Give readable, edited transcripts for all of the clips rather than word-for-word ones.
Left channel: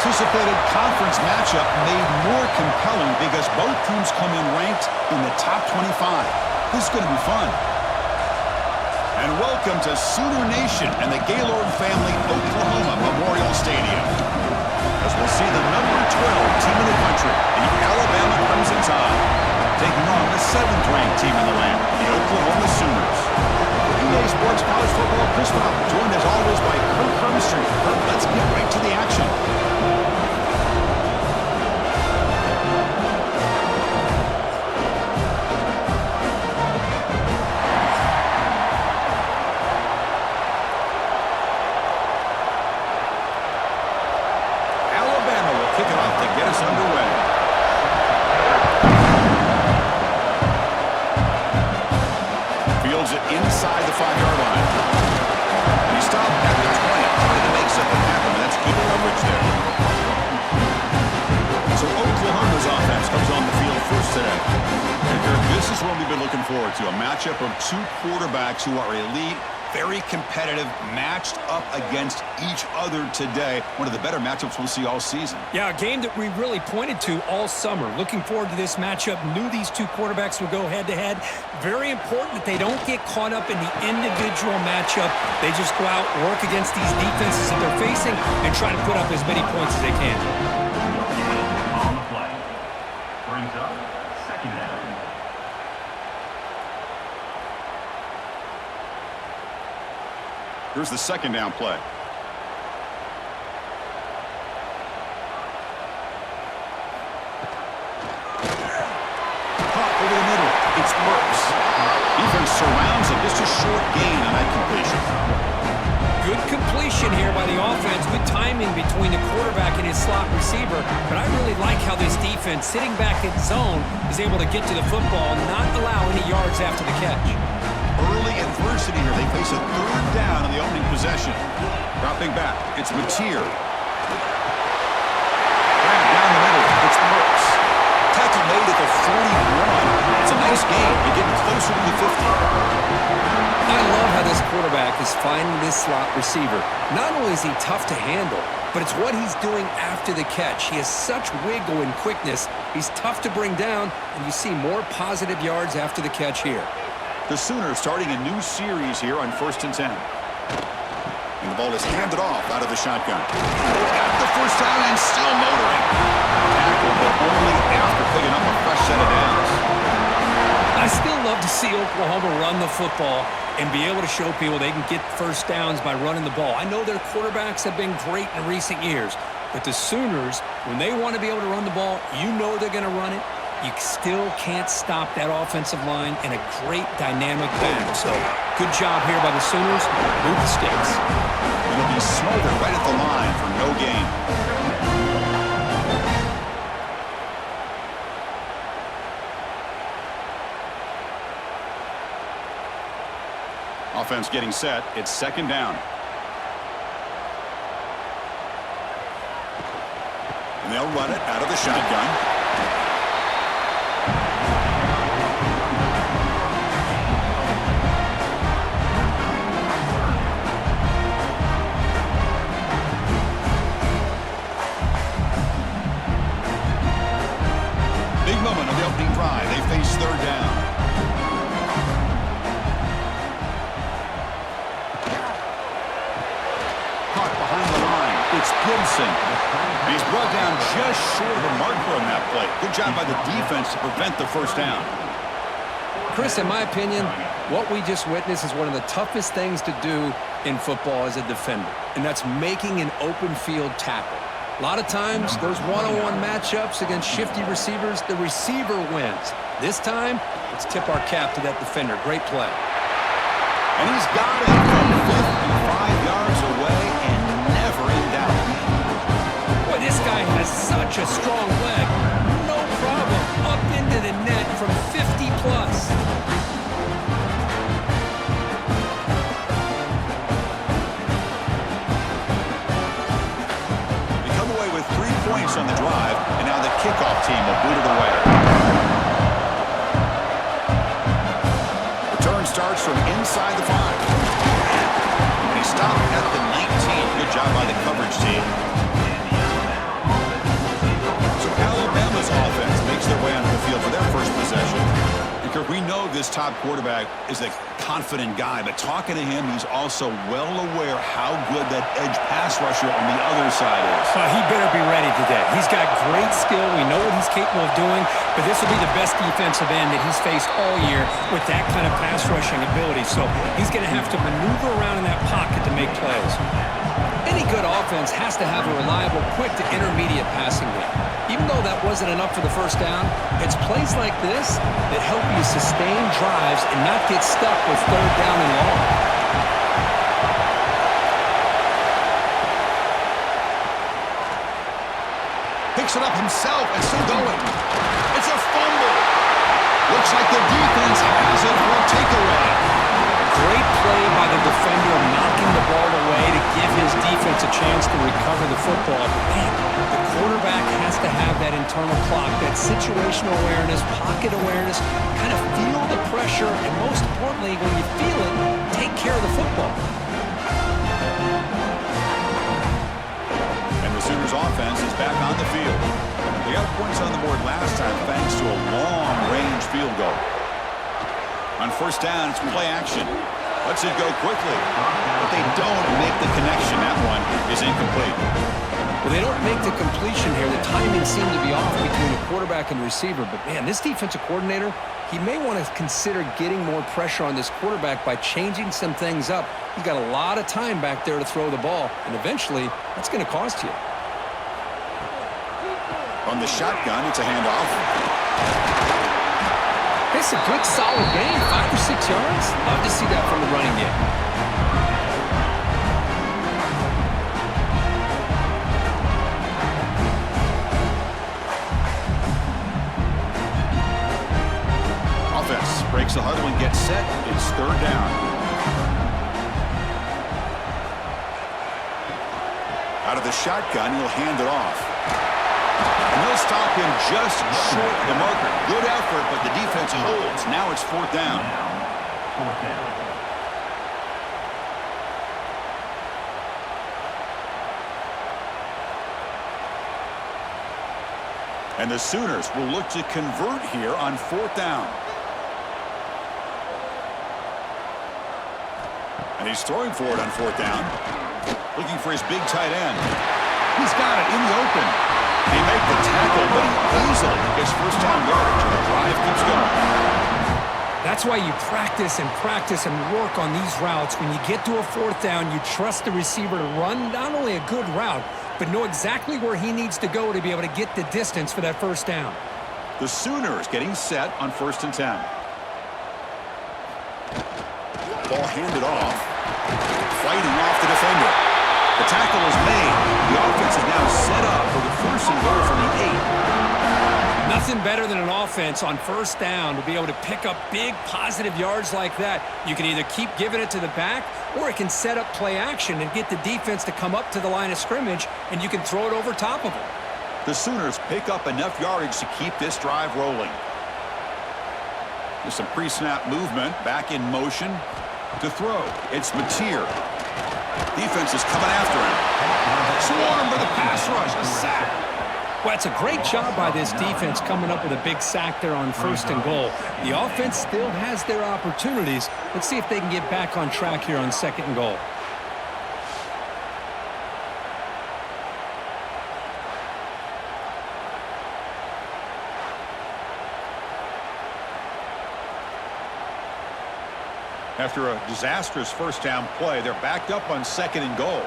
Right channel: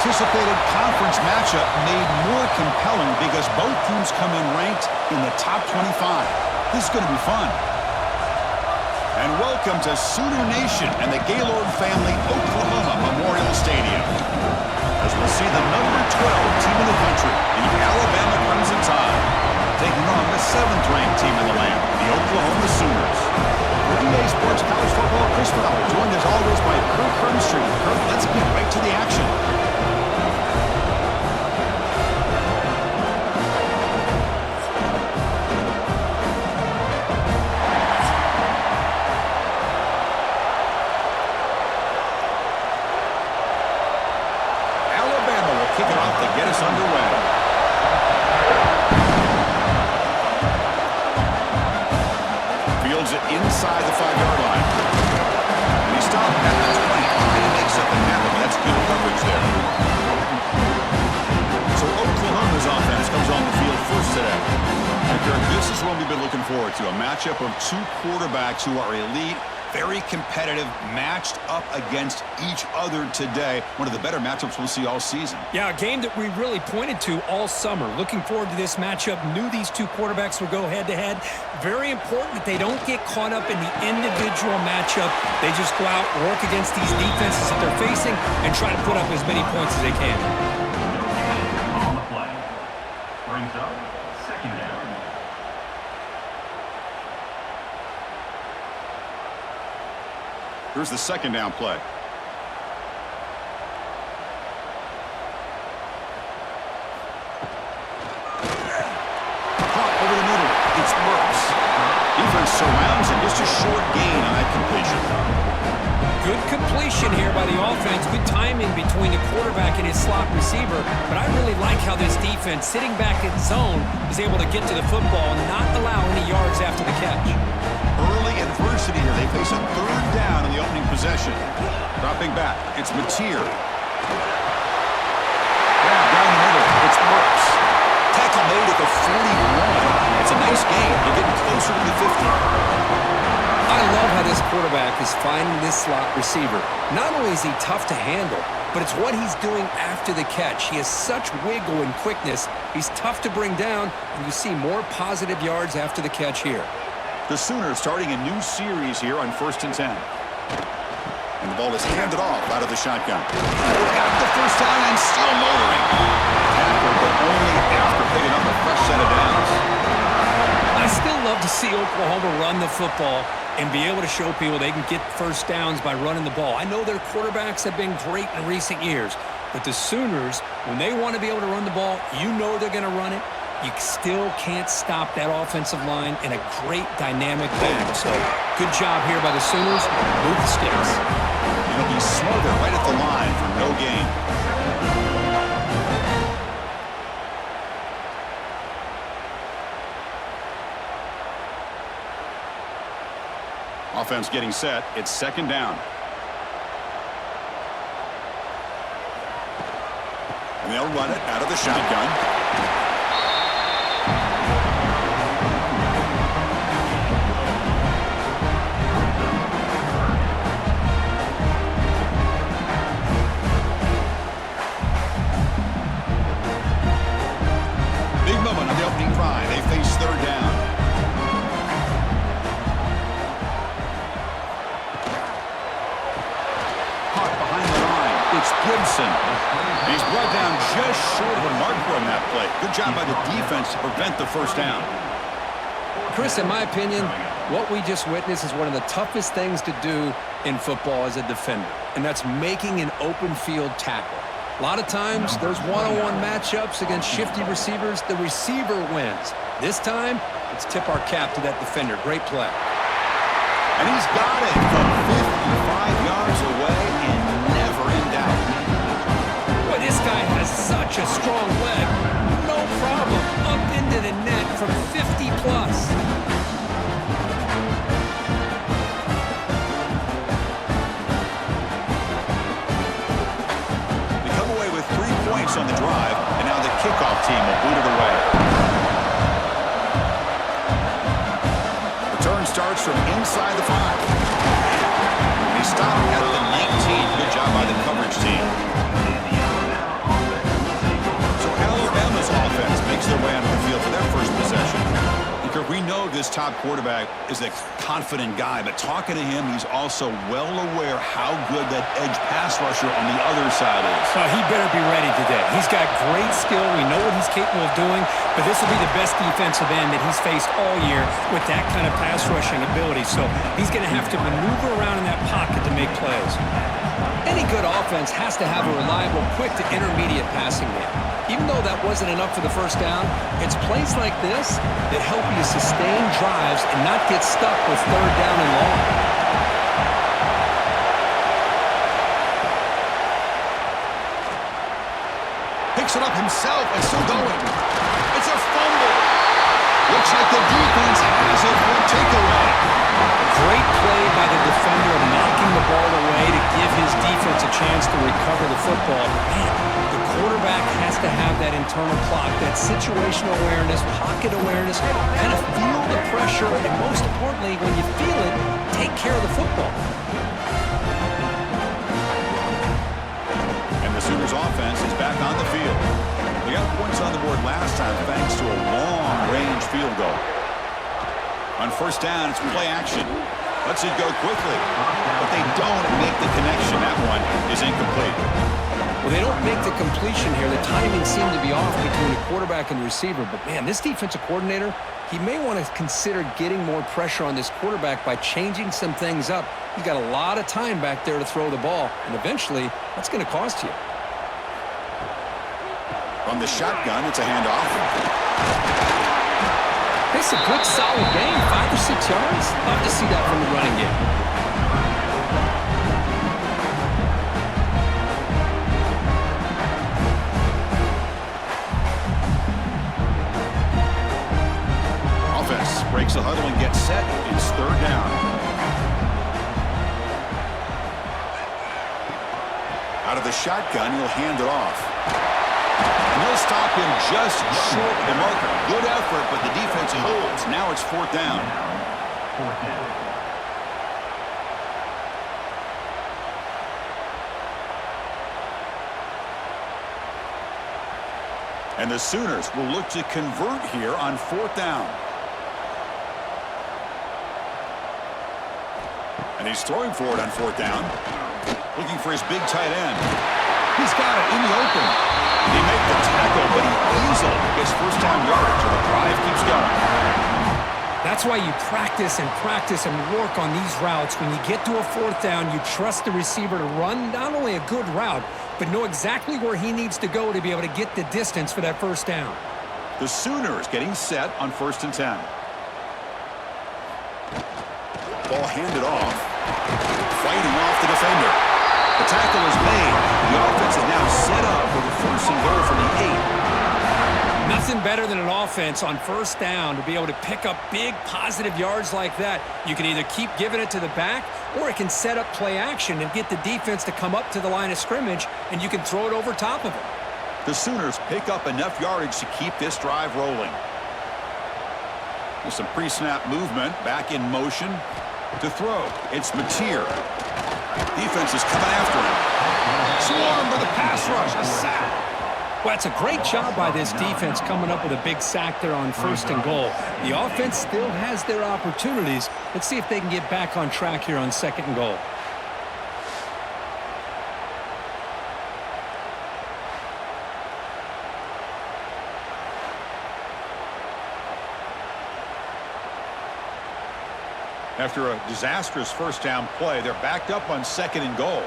anticipated conference matchup made more compelling because both teams come in ranked in the top 25. This is going to be fun. And welcome to Sooner Nation and the Gaylord Family Oklahoma Memorial Stadium, as we'll see the number 12 team in the country, the Alabama Crimson Tide, taking on the 7th-ranked team in the land, the Oklahoma Sooners. For EA Sports College Football, Chris Fowler, joined as always by Kirk Hermstreet. Kirk, let's get right to the action. Alabama will kick it off to get us underway. Fields it inside the 5-yard line. And he stopped at the 20, trying to make something happen, but that's good coverage there. So Oklahoma's offense comes on the field first today. And Kirk, this is one we've been looking forward to, a matchup of two quarterbacks who are elite, very competitive, matched up against each other today. One of the better matchups we'll see all season. Yeah, a game that we really pointed to all summer. Looking forward to this matchup. Knew these two quarterbacks would go head-to-head. Very important that they don't get caught up in the individual matchup. They just go out, work against these defenses that they're facing, and try to put up as many points as they can. On the play. Brings up second down. Here's the second down play. Caught over the middle. It's Burks. Defense surrounds him. Just a short gain on that completion. Good completion here by the offense. Good timing between the quarterback and his slot receiver. But I really like how this defense, sitting back in zone, is able to get to the football and not allow any yards after the catch. Early adversity here. They face a third down on the opening possession. Dropping back. It's Mateer. Grab down the middle. It's Burks. Tackle made at the 41. It's a nice gain. They're getting closer to the 50. I love how this quarterback is finding this slot receiver. Not only is he tough to handle, but it's what he's doing after the catch. He has such wiggle and quickness. He's tough to bring down, and you see more positive yards after the catch here. The Sooners starting a new series here on 1st and 10. And the ball is handed off out of the shotgun. Got the first down and still motoring. Tackle, but only after picking up a fresh set of downs. I still love to see Oklahoma run the football and be able to show people they can get first downs by running the ball. I know their quarterbacks have been great in recent years, but the Sooners, when they want to be able to run the ball, you know they're going to run it. You still can't stop that offensive line and a great dynamic back. So good job here by the Sooners. Move the sticks. It'll be smothered right at the line for no gain. Offense getting set. It's second down. And they'll run it out of the shotgun. Big moment on the opening drive. They face third down. Caught behind the line. It's Gibson. And he's brought down just short of a marker on that play. Good job by the defense to prevent the first down. Chris, in my opinion, what we just witnessed is one of the toughest things to do in football as a defender, and that's making an open field tackle. A lot of times, those one-on-one matchups against shifty receivers, the receiver wins. This time, let's tip our cap to that defender. Great play. And he's got it from 55 yards away and never in doubt. Boy, this guy has such a strong leg. No problem. Up into the net from 50 plus. They come away with 3 points on the drive, and now the kickoff team will boot it away. Return starts from inside the 5. And he stopped at the 19. Good job by the coverage team. their way onto the field for their first possession. Because we know this top quarterback is a confident guy, but talking to him, he's also well aware how good that edge pass rusher on the other side is. Well, he better be ready today. He's got great skill. We know what he's capable of doing, but this will be the best defensive end that he's faced all year with that kind of pass rushing ability. So he's going to have to maneuver around in that pocket to make plays. Any good offense has to have a reliable, quick to intermediate passing game. Even though that wasn't enough for the first down, it's plays like this that help you sustain drives and not get stuck with third down and long. Picks it up himself and still going. It's a fumble. Looks like the defense has it for a takeaway. Great play by the defender, knocking the ball away to give his defense a chance to recover the football. But man, the quarterback has to have that internal clock, that situational awareness, pocket awareness, kind of feel the pressure, and most importantly, when you feel it, take care of the football. And the Sooners offense is back on the field. They got points on the board last time thanks to a long-range field goal. On first down, it's play action. Lets it go quickly, but they don't make the connection. That one is incomplete. Well, they don't make the completion here. The timing seemed to be off between the quarterback and the receiver. But, man, this defensive coordinator, he may want to consider getting more pressure on this quarterback by changing some things up. He's got a lot of time back there to throw the ball, and eventually that's going to cost you. On the shotgun, it's a handoff. It's a good, solid game, 5 or 6 yards. Love to see that from the running game. Offense breaks the huddle and gets set. It's third down. Out of the shotgun, he'll hand it off. And they'll stop him just short of the marker. Good effort, but the defense holds. Now it's fourth down. Fourth down. And the Sooners will look to convert here on fourth down. And he's throwing for it on fourth down. Looking for his big tight end. He's got it in the open. They make the tackle, but he easily gets first down yardage, and the drive keeps going. That's why you practice and work on these routes. When you get to a fourth down, you trust the receiver to run not only a good route, but know exactly where he needs to go to be able to get the distance for that first down. The Sooners getting set on 1st and 10. Ball handed off. Fighting off the defender. The tackle is made. The offense is now set up with a 1st and goal from the 8. Nothing better than an offense on first down to be able to pick up big positive yards like that. You can either keep giving it to the back, or it can set up play action and get the defense to come up to the line of scrimmage, and you can throw it over top of them. The Sooners pick up enough yardage to keep this drive rolling. There's some pre-snap movement, back in motion. To throw, it's Mateer. Defense is coming after him. Swarm for the pass rush, a sack. Well, it's a great job by this defense coming up with a big sack there on 1st and goal. The offense still has their opportunities. Let's see if they can get back on track here on 2nd and goal. After a disastrous first down play, they're backed up on 2nd and goal.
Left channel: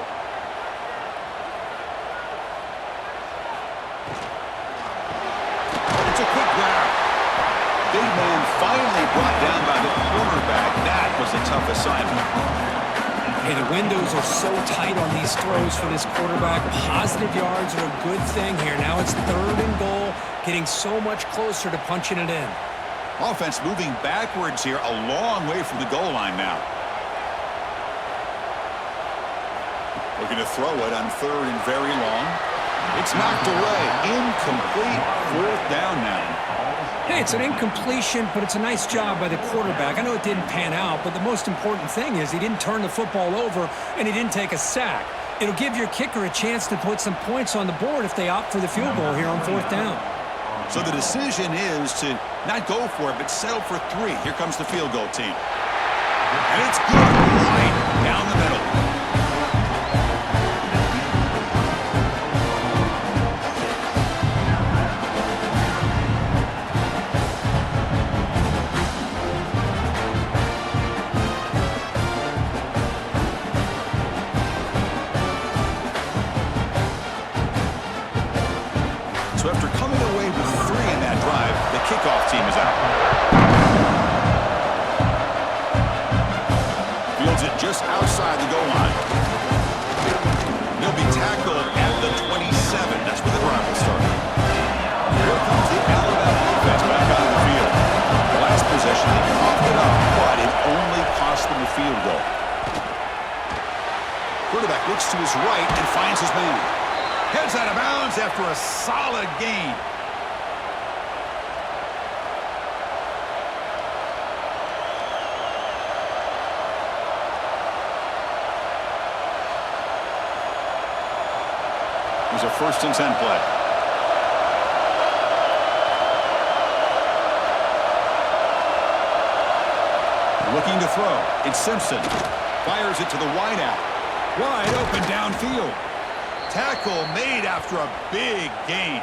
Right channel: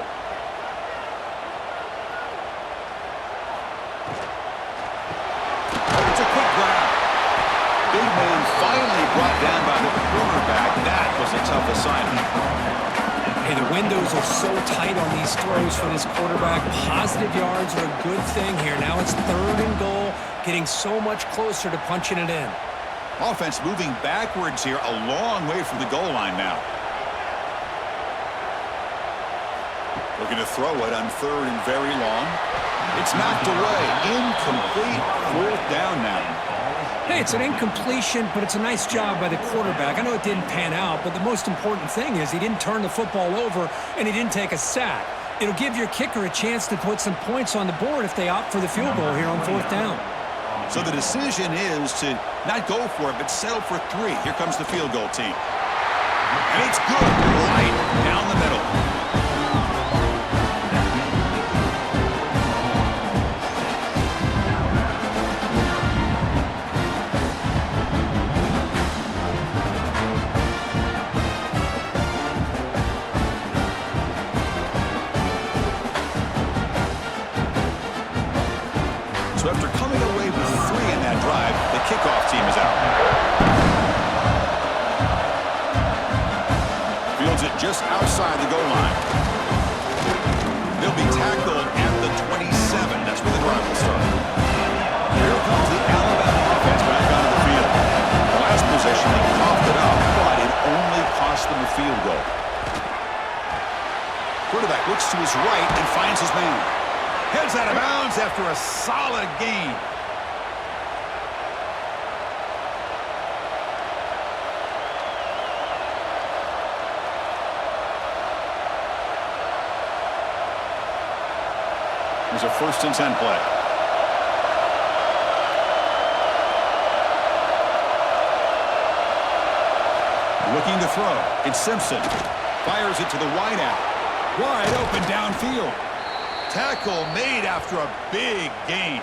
It's a quick grab. Big man finally brought down by the cornerback. That was a tough assignment. Hey, the windows are so tight on these throws for this quarterback. Positive yards are a good thing here. Now it's 3rd and goal, getting so much closer to punching it in. Offense moving backwards here, a long way from the goal line now. Looking to throw it on 3rd and very long. It's knocked away. Incomplete. 4th down now. Hey, it's an incompletion, but it's a nice job by the quarterback. I know it didn't pan out, but the most important thing is he didn't turn the football over and he didn't take a sack. It'll give your kicker a chance to put some points on the board if they opt for the field goal here on 4th down. So the decision is to not go for it, but settle for 3. Here comes the field goal team. And it's good, right down the middle. So after coming away with 3 in that drive, the kickoff team is out. Fields it just outside the goal line. They'll be tackled at the 27. That's where the drive will start. Here comes the Alabama offense back onto the field. The last possession, they coughed it up, but it only cost them a field goal. Quarterback looks to his right and finds his man. Heads out of bounds after a solid gain. There's a 1st and 10 play. Looking to throw. It's Simpson. Fires it to the wideout. Wide open downfield. Tackle made after a big gain.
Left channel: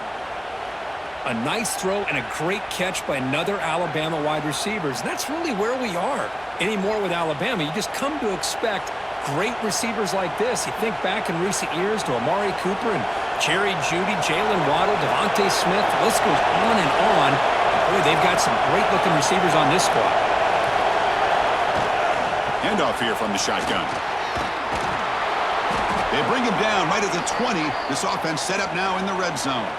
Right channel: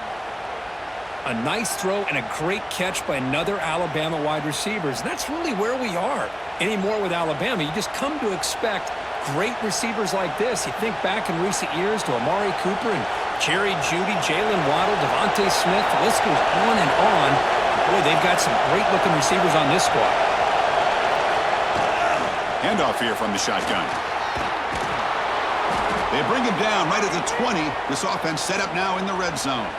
A nice throw and a great catch by another Alabama wide receivers. And that's really where we are. Anymore with Alabama, you just come to expect great receivers like this. You think back in recent years to Amari Cooper and Jerry Jeudy, Jalen Waddle, Devontae Smith. The list goes on and on. Boy, they've got some great-looking receivers on this squad. Handoff here from the shotgun. They bring him down right at the 20. This offense set up now in the red zone.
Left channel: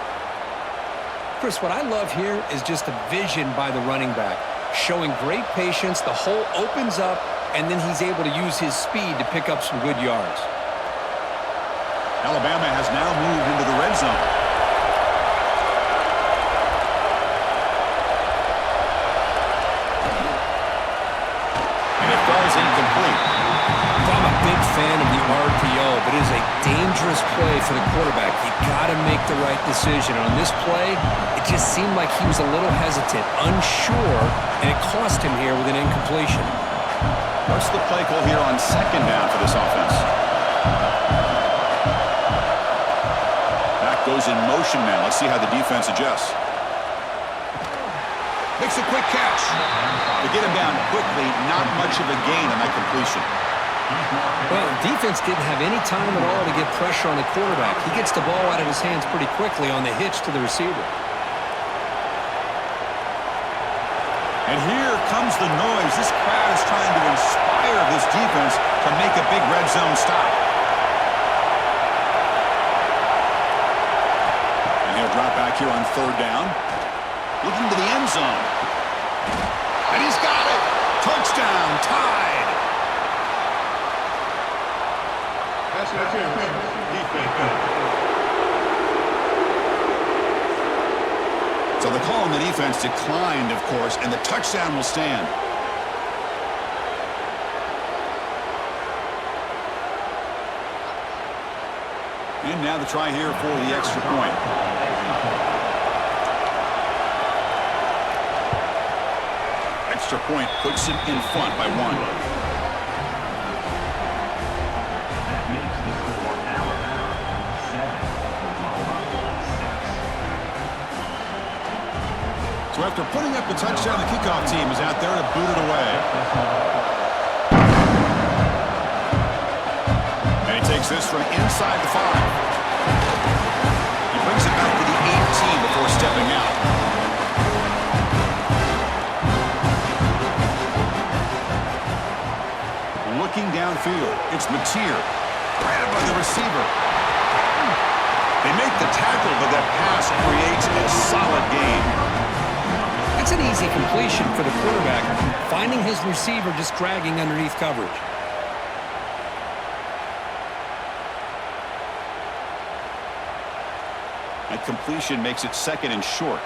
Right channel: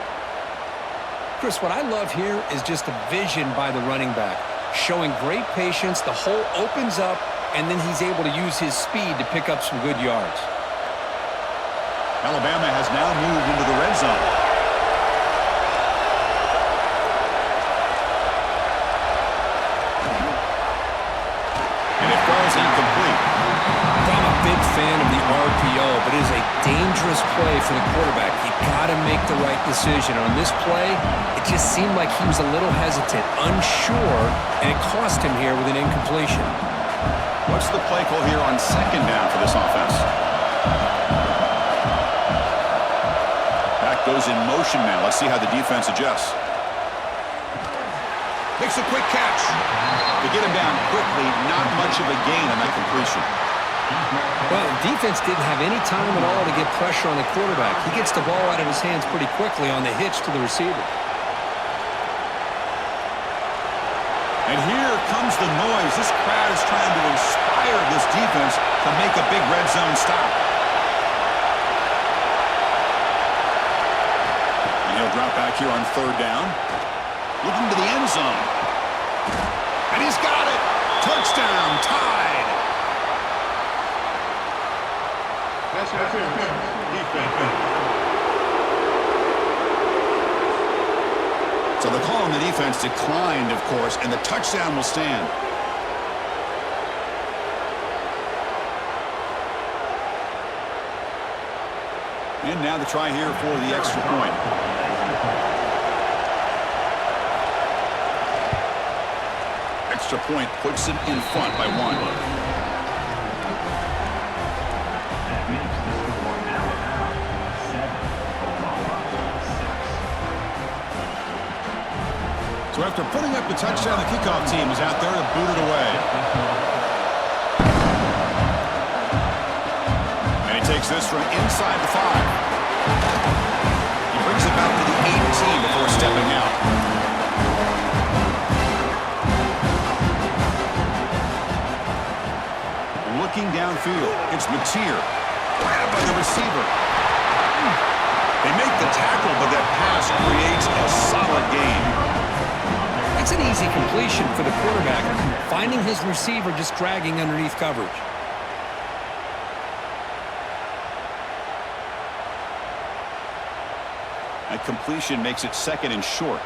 Chris, what I love here is just the vision by the running back. Showing great patience, the hole opens up, and then he's able to use his speed to pick up some good yards. Alabama has now moved into the red zone. And it falls incomplete. I'm a big fan of the RPO, but it is a dangerous play for the quarterback. You got to make the right decision. And on this play, it just seemed like he was a little hesitant, unsure, and it cost him here with an incompletion. What's the play call here on 2nd down for this offense? Back goes in motion now. Let's see how the defense adjusts. Makes a quick catch. To get him down quickly, not much of a gain on that completion. Well, defense didn't have any time at all to get pressure on the quarterback. He gets the ball out of his hands pretty quickly on the hitch to the receiver. And here comes the noise. This crowd is trying to inspire this defense to make a big red zone stop. And he'll drop back here on 3rd down. Looking to the end zone. And he's got it. Touchdown, tied. So the call on the defense declined, of course, and the touchdown will stand. And now the try here for the extra point. Extra point puts it in front by 1. So after putting up the touchdown, the kickoff team is out there to boot it away. And he takes this from inside the 5. He brings it back to the 18 before stepping out. Looking downfield, it's Mateer. Grabbed by the receiver. They make the tackle, but that pass creates a solid gain. That's an easy completion for the quarterback, finding his receiver just dragging underneath coverage. That completion makes it 2nd and short.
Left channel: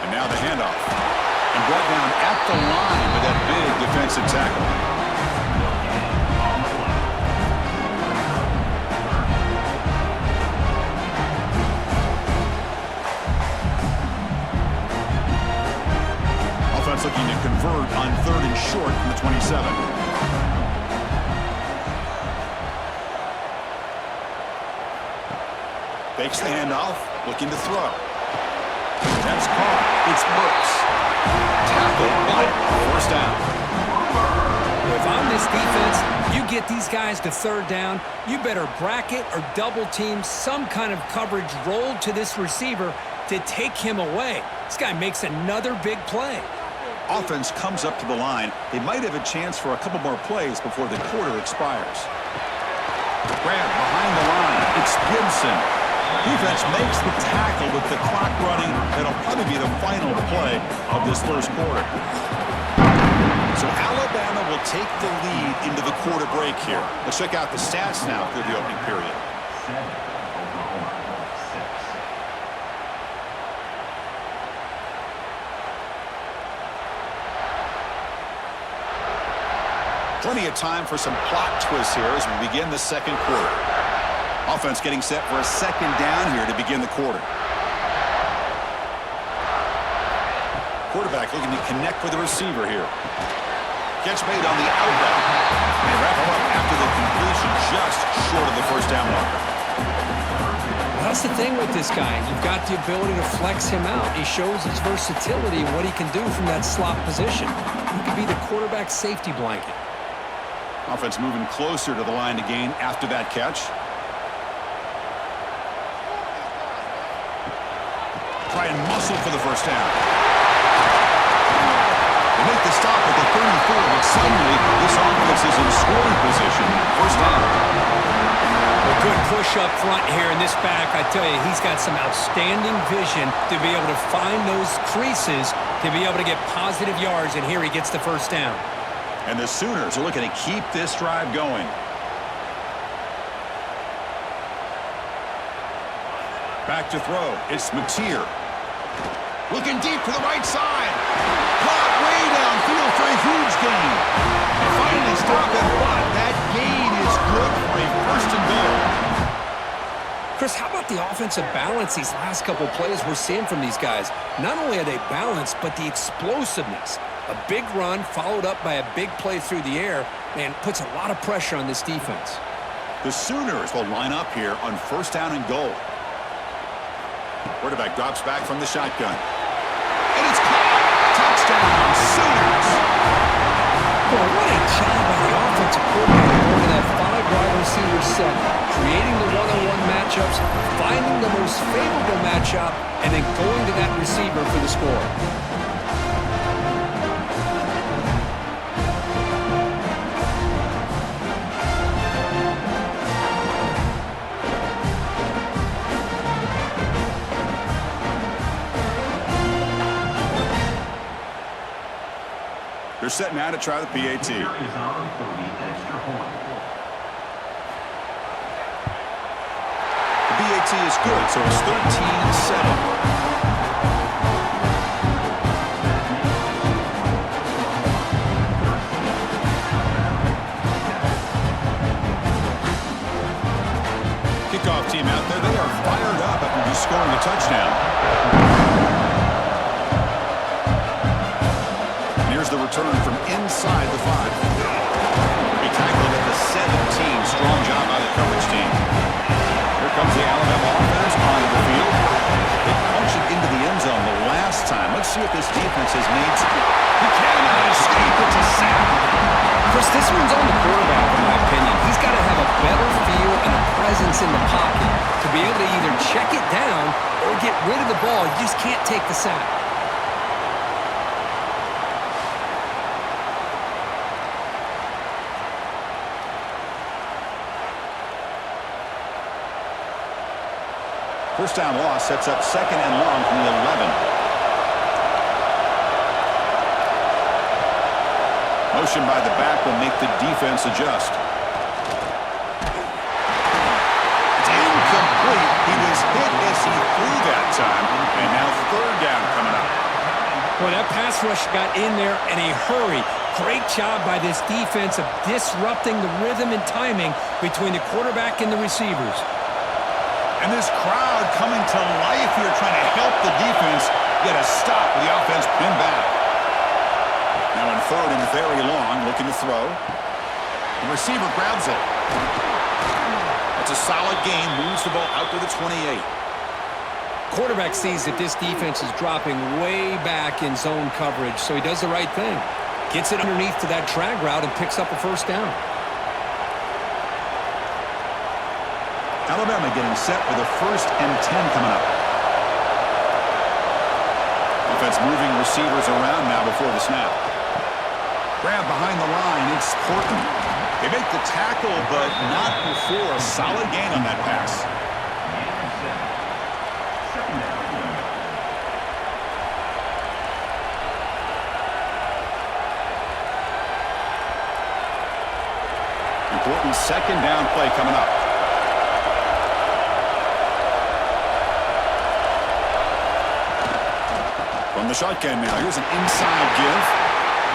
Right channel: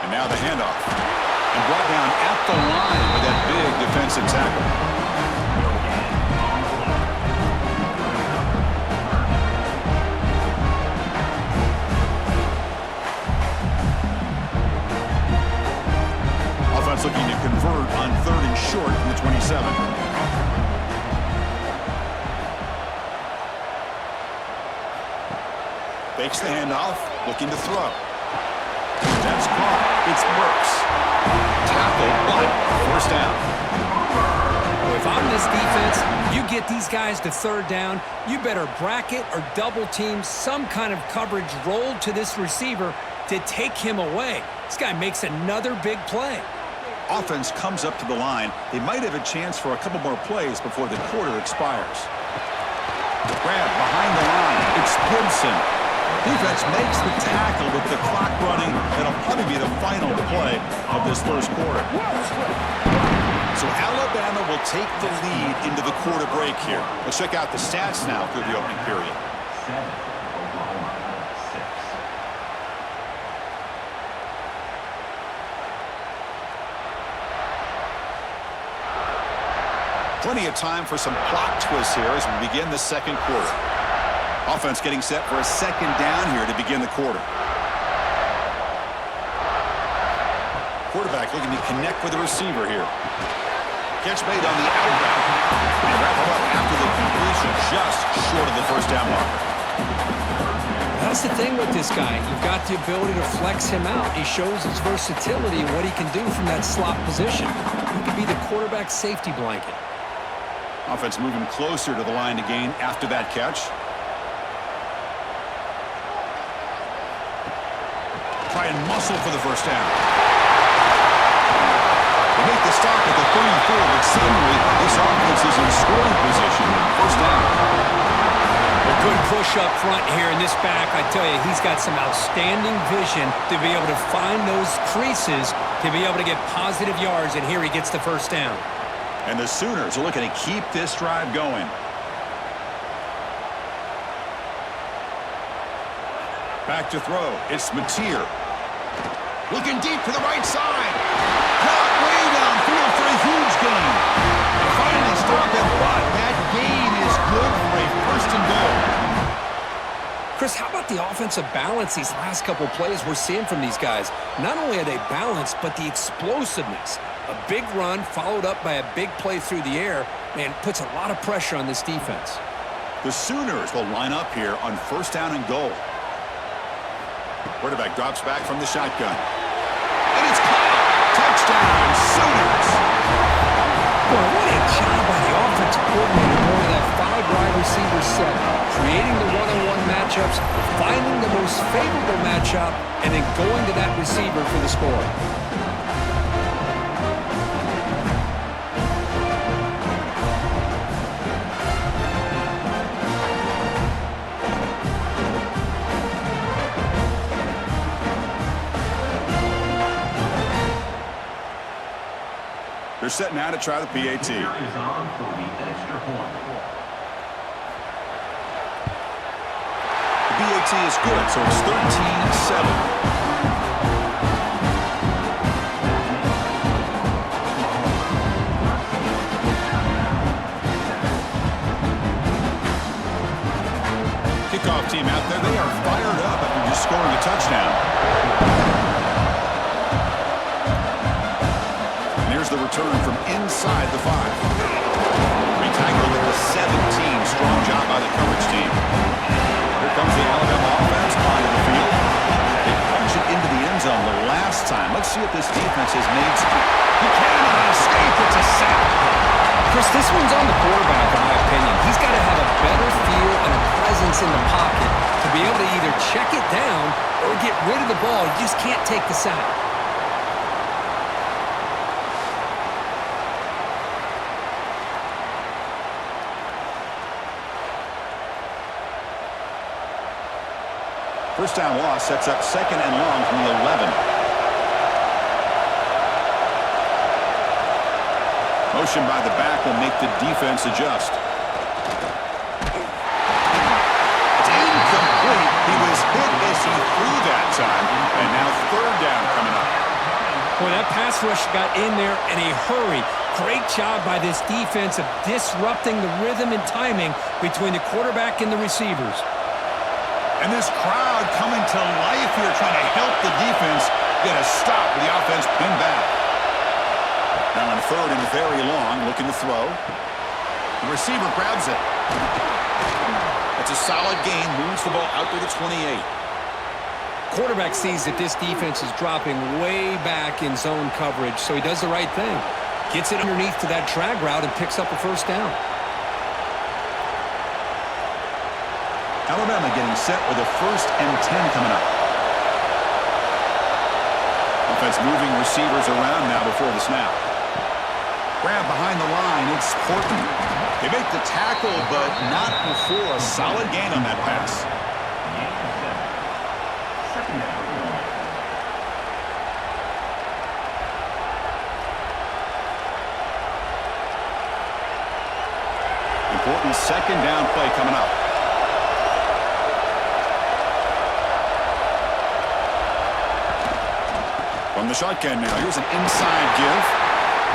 And now the handoff. And brought down at the line with that big defensive tackle. Now it's looking to convert on 3rd and short from the 27. Fakes the handoff, looking to throw. That's caught. It's Burks. Tackle, but first down. If I'm this defense, you get these guys to 3rd down, you better bracket or double team some kind of coverage rolled to this receiver to take him away. This guy makes another big play. Offense comes up to the line. They might have a chance for a couple more plays before the quarter expires. Grab behind the line. It's Gibson. Defense makes the tackle with the clock running. That'll probably be the final play of this first quarter. So Alabama will take the lead into the quarter break here. Let's check out the stats now through the opening period. 7, Oklahoma 6. Plenty of time for some plot twists here as we begin the second quarter. Offense getting set for a second down here to begin the quarter. Quarterback looking to connect with the receiver here. Catch made on the out route. They wrap him up after the completion just short of the first down marker. That's the thing with this guy. You've got the ability to flex him out. He shows his versatility and what he can do from that slot position. He could be the quarterback's safety blanket. Offense moving closer to the line to gain after that catch. Try and muscle for the first down. They make the stop at the 34, but suddenly this offense is in scoring position now. First down. A good push up front here in this back. I tell you, he's got some outstanding vision to be able to find those creases to be able to get positive yards, and here he gets the first down. And the Sooners are looking to keep this drive going. Back to throw. It's Mateer. Looking deep to the right side. Caught way downfield for a huge gain. They finally stop him, but that gain is good for a 1st and goal. Chris, how about the offensive balance these last couple plays we're seeing from these guys? Not only are they balanced, but the explosiveness. A big run followed up by a big play through the air, man, puts a lot of pressure on this defense. The Sooners will line up here on 1st down and goal. Quarterback drops back from the shotgun. And it's caught! Touchdown, Sooners! Boy, what a job by the offensive coordinator going to that 5-wide receiver set, creating the one-on-one matchups, finding the most favorable matchup, and then going to that receiver for the score. They're set now to try the PAT. Is on for the extra point. The PAT is good, so it's 13-7. Kickoff team out there, they are fired up after just scoring a touchdown. Here's the return from inside the 5. They tackled at the 17. Strong job by the coverage team. Here comes the Alabama offense onto the field. They punch it into the end zone the last time. Let's see if this defense has made some. He cannot escape. It's a sack. Chris, this one's on the quarterback, in my opinion. He's got to have a better feel and a presence in the pocket to be able to either check it down or get rid of the ball. You just can't take the sack. First down loss sets up 2nd and long from the 11. Motion by the back will make the defense adjust. It's incomplete. He was hit as he threw that time. And now 3rd down coming up. Boy, that pass rush got in there in a hurry. Great job by this defense of disrupting the rhythm and timing between the quarterback and the receivers. And this crowd coming to life here trying to help the defense get a stop with the offense pinned back. Now in third and very long, looking to throw. The receiver grabs it. That's a solid gain, moves the ball out to the 28. Quarterback sees that this defense is dropping way back in zone coverage, so he does the right thing. Gets it underneath to that drag route and picks up a first down. Alabama getting set with a 1st and 10 coming up. Offense moving receivers around now before the snap. Grab behind the line, it's Horton. They make the tackle, but not before a solid gain on that pass. Second down. Important second down play coming up. From the shotgun now, here's an inside give.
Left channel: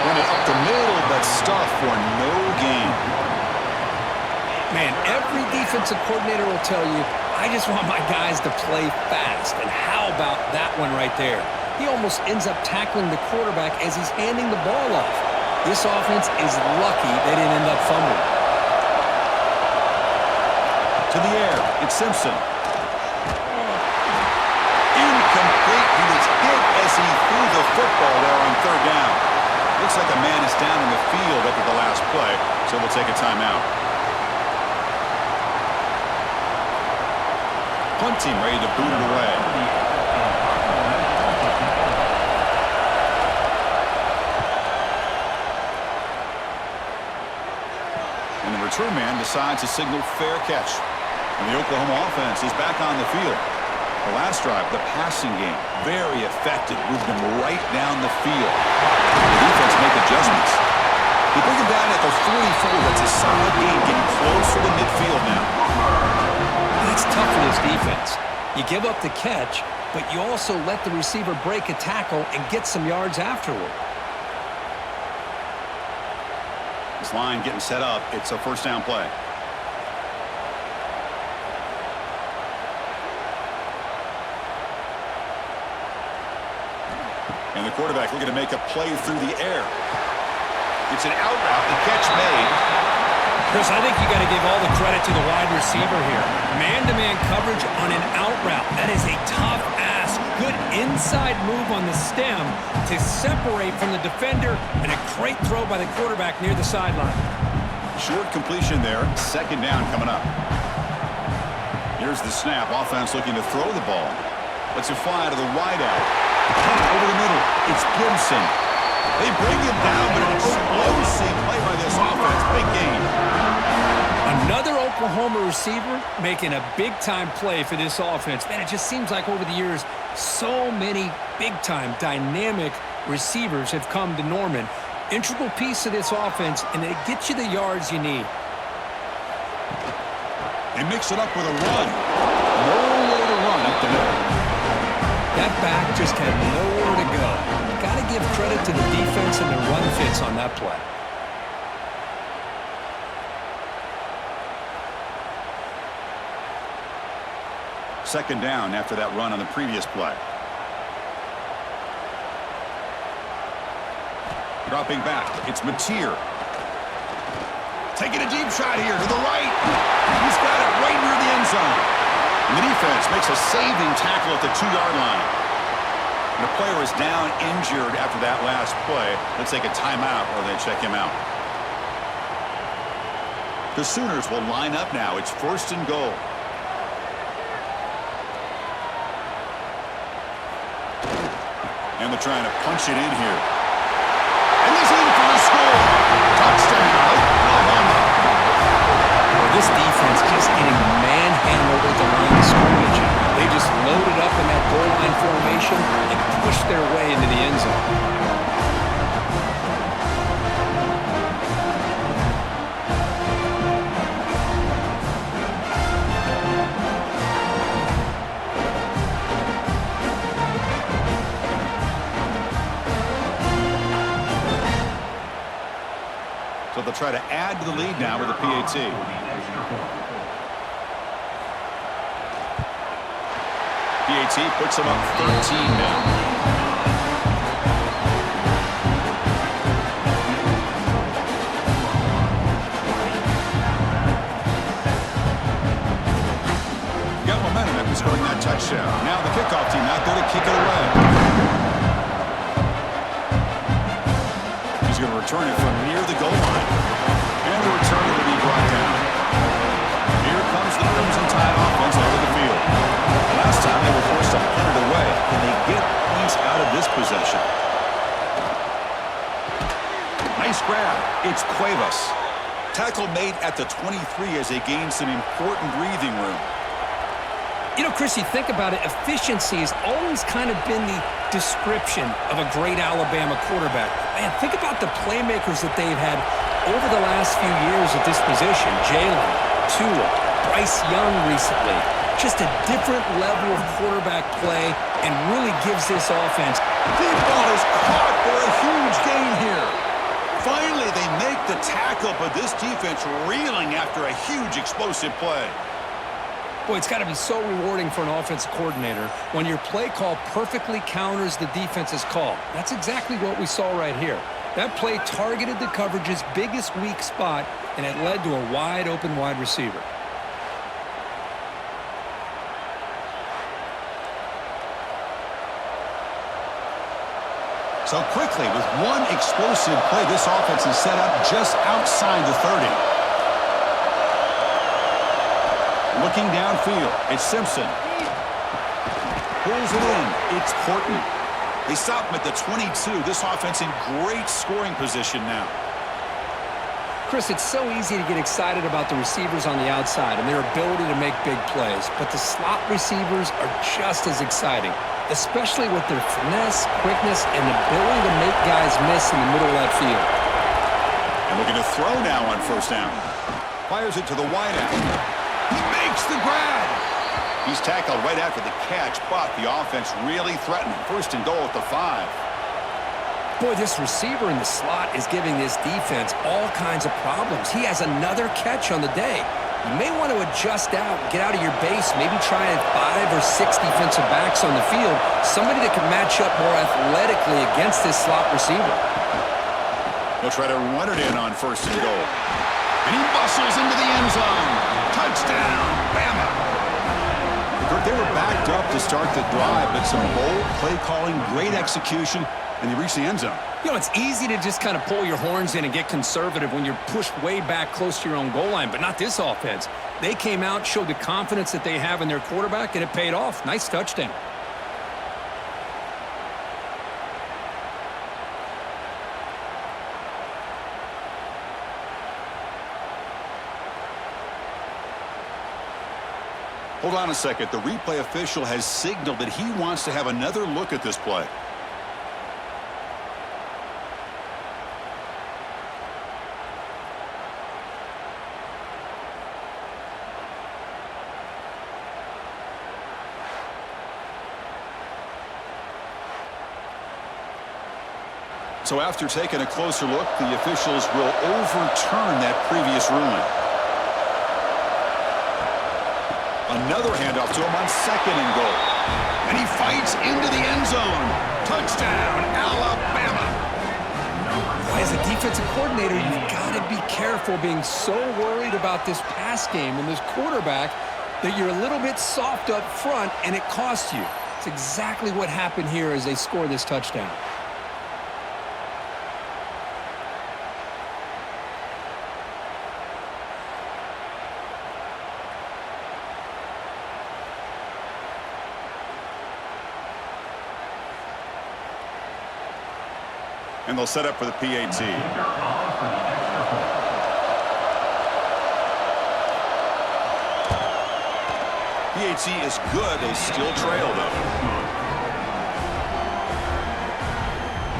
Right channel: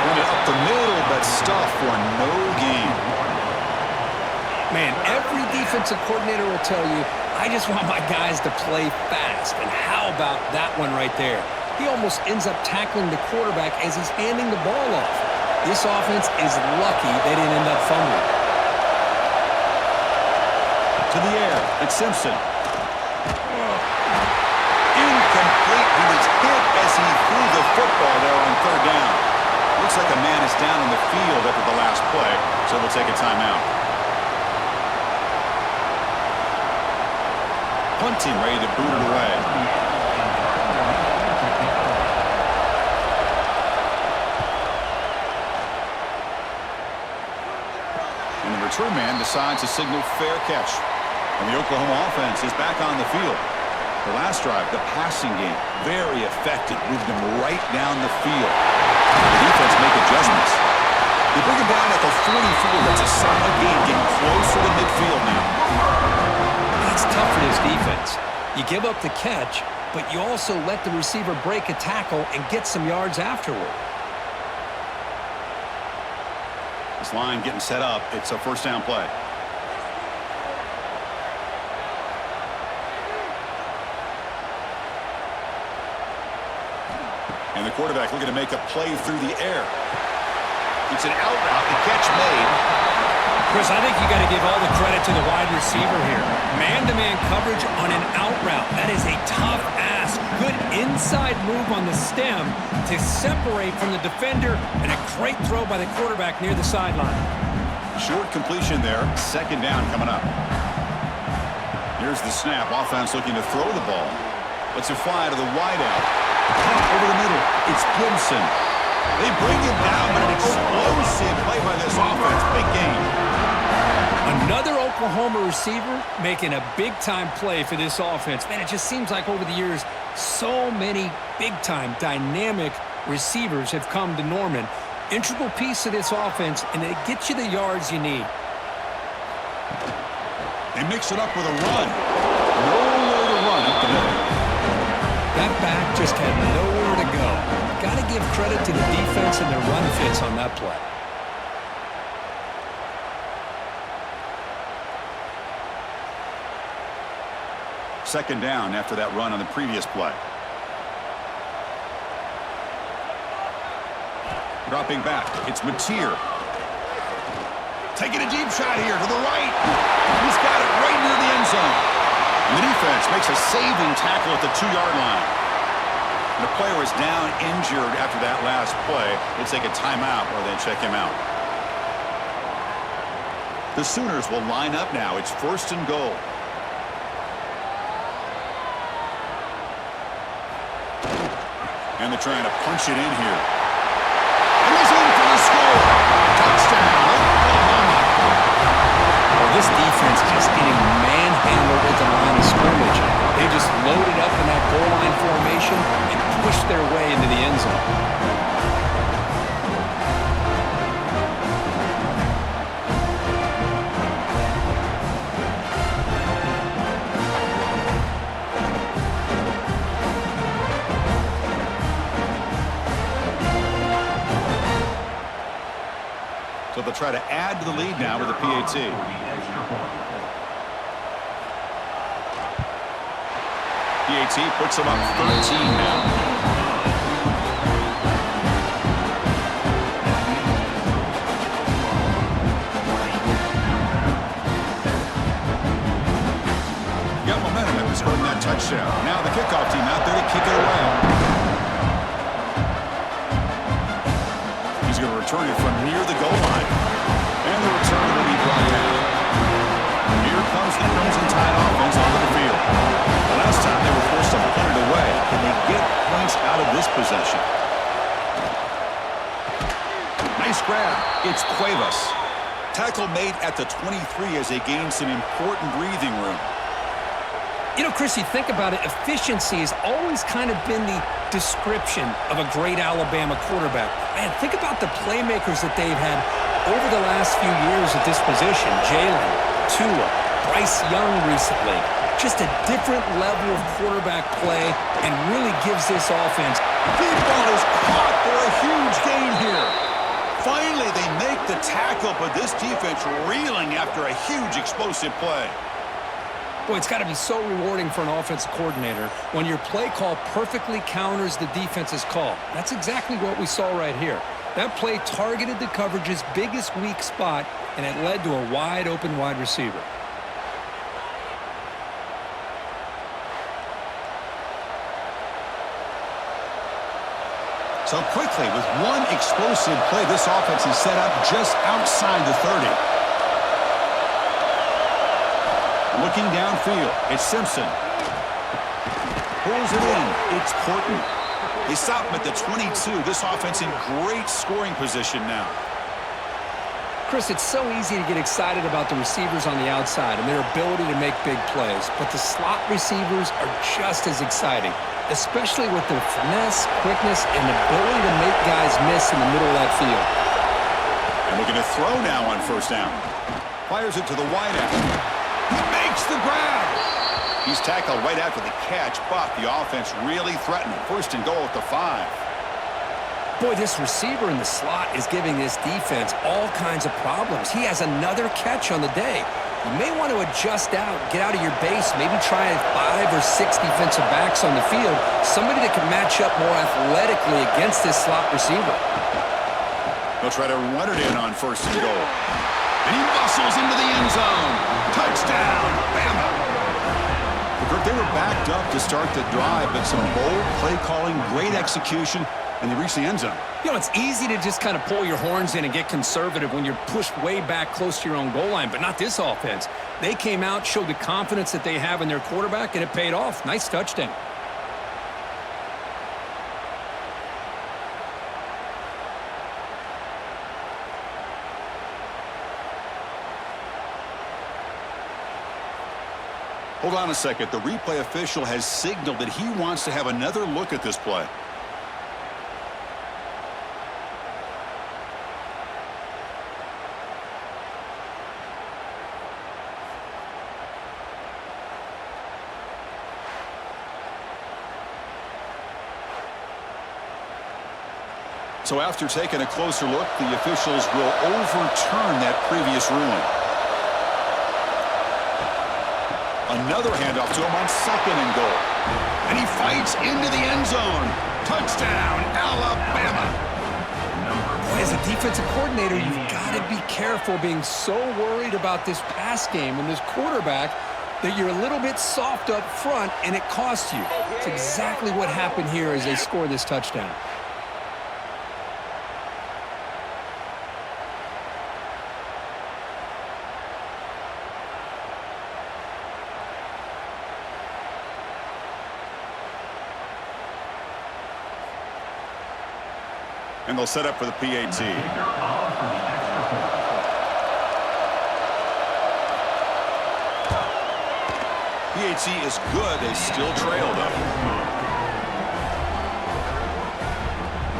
Run it up the middle, but stuff for no gain. Man, every defensive coordinator will tell you, I just want my guys to play fast. And how about that one right there? He almost ends up tackling the quarterback as he's handing the ball off. This offense is lucky they didn't end up fumbling. To the air, it's Simpson. Incomplete. He was hit as he threw the football there on third down. Looks like a man is down on the field after the last play, so we'll take a timeout. Punt team ready to boot it away. And the return man decides to signal fair catch. And the Oklahoma offense is back on the field. The last drive, the passing game, very effective. Moved him right down the field. The defense make adjustments. They bring him down at the 44. That's a solid gain, getting closer to midfield now. That's tough for this defense. You give up the catch, but you also let the receiver break a tackle and get some yards afterward. This line getting set up. It's a first down play. And the quarterback looking to make a play through the air. It's an out route. The catch made. Chris, I think you got to give all the credit to the wide receiver here. Man-to-man coverage on an out route. That is a tough ask. Good inside move on the stem to separate from the defender, and a great throw by the quarterback near the sideline. Short completion there. Second down coming up. Here's the snap. Offense looking to throw the ball. Lets it fly to the wideout. Caught over the middle. It's Gibson. They bring him down, but an explosive play by this offense. Big game. Another Oklahoma receiver making a big-time play for this offense. Man, it just seems like over the years, so many big-time, dynamic receivers have come to Norman. Integral piece of this offense, and it gets you the yards you need. They mix it up with a run. Nowhere to run up the middle. That back just had nowhere to go. Got to give credit to the defense and their run fits on that play. Second down after that run on the previous play. Dropping back, it's Mateer. Taking a deep shot here to the right. He's got it right near the end zone. And the defense makes a saving tackle at the 2-yard line. And the player is down injured after that last play. We'll take a timeout or they check him out. The Sooners will line up now. It's first and goal. And they're trying to punch it in here. And he's in for the score. Touchdown, Oklahoma. Well, this defense just getting manhandled at the line of scrimmage. They just loaded up in that goal line formation and pushed their way into the end zone. So they'll try to add to the lead now with a PAT. PAT puts them up 13 now. touchdown. Now the kickoff team out there to kick it away. He's going to return it from near the goal line. And the return will be brought down. Here comes the Crimson Tide offense onto the field. The last time they were forced to punt it away. Can they get points out of this possession? Nice grab. It's Cuevas. Tackle made at the 23 as they gain some important breathing room. You know, Chris, you think about it, efficiency has always kind of been the description of a great Alabama quarterback. Man, think about the playmakers that they've had over the last few years at this position. Jalen, Tua, Bryce Young recently. Just a different level of quarterback play and really gives this offense. Deep ball is caught for a huge gain here. Finally, they make the tackle, but this defense reeling after a huge explosive play. Boy, it's got to be so rewarding for an offensive coordinator when your play call perfectly counters the defense's call. That's exactly what we saw right here. That play targeted the coverage's biggest weak spot, and it led to a wide-open wide receiver. So quickly, with one explosive play, this offense is set up just outside the 30. Looking downfield, it's Simpson. Pulls it in, it's Horton. They stop him at the 22. This offense in great scoring position now. Chris, it's so easy to get excited about the receivers on the outside and their ability to make big plays, but the slot receivers are just as exciting, especially with their finesse, quickness, and ability to make guys miss in the middle of that field. And looking to throw now on first down. Fires it to the wideout. He makes the grab. He's tackled right after the catch, but the offense really threatening. First and goal at the 5. Boy, this receiver in the slot is giving this defense all kinds of problems. He has another catch on the day. You may want to adjust out, get out of your base, maybe try 5 or 6 defensive backs on the field, somebody that can match up more athletically against this slot receiver. He'll try to run it in on first and goal. And he muscles into the end zone. Touchdown, Bama. They were backed up to start the drive, but some bold play calling, great execution, and they reached the end zone. You know, it's easy to just kind of pull your horns in and get conservative when you're pushed way back close to your own goal line, but not this offense. They came out, showed the confidence that they have in their quarterback, and it paid off. Nice touchdown. Hold on a second. The replay official has signaled that he wants to have another look at this play. So after taking a closer look, the officials will overturn that previous ruling. Another handoff to him on second and goal. And he fights into the end zone. Touchdown, Alabama. Boy, as a defensive coordinator, you've got to be careful being so worried about this pass game and this quarterback that you're a little bit soft up front and it costs you. It's exactly what happened here as they score this touchdown. And they'll set up for the PAT. PAT is good. They still trail, though.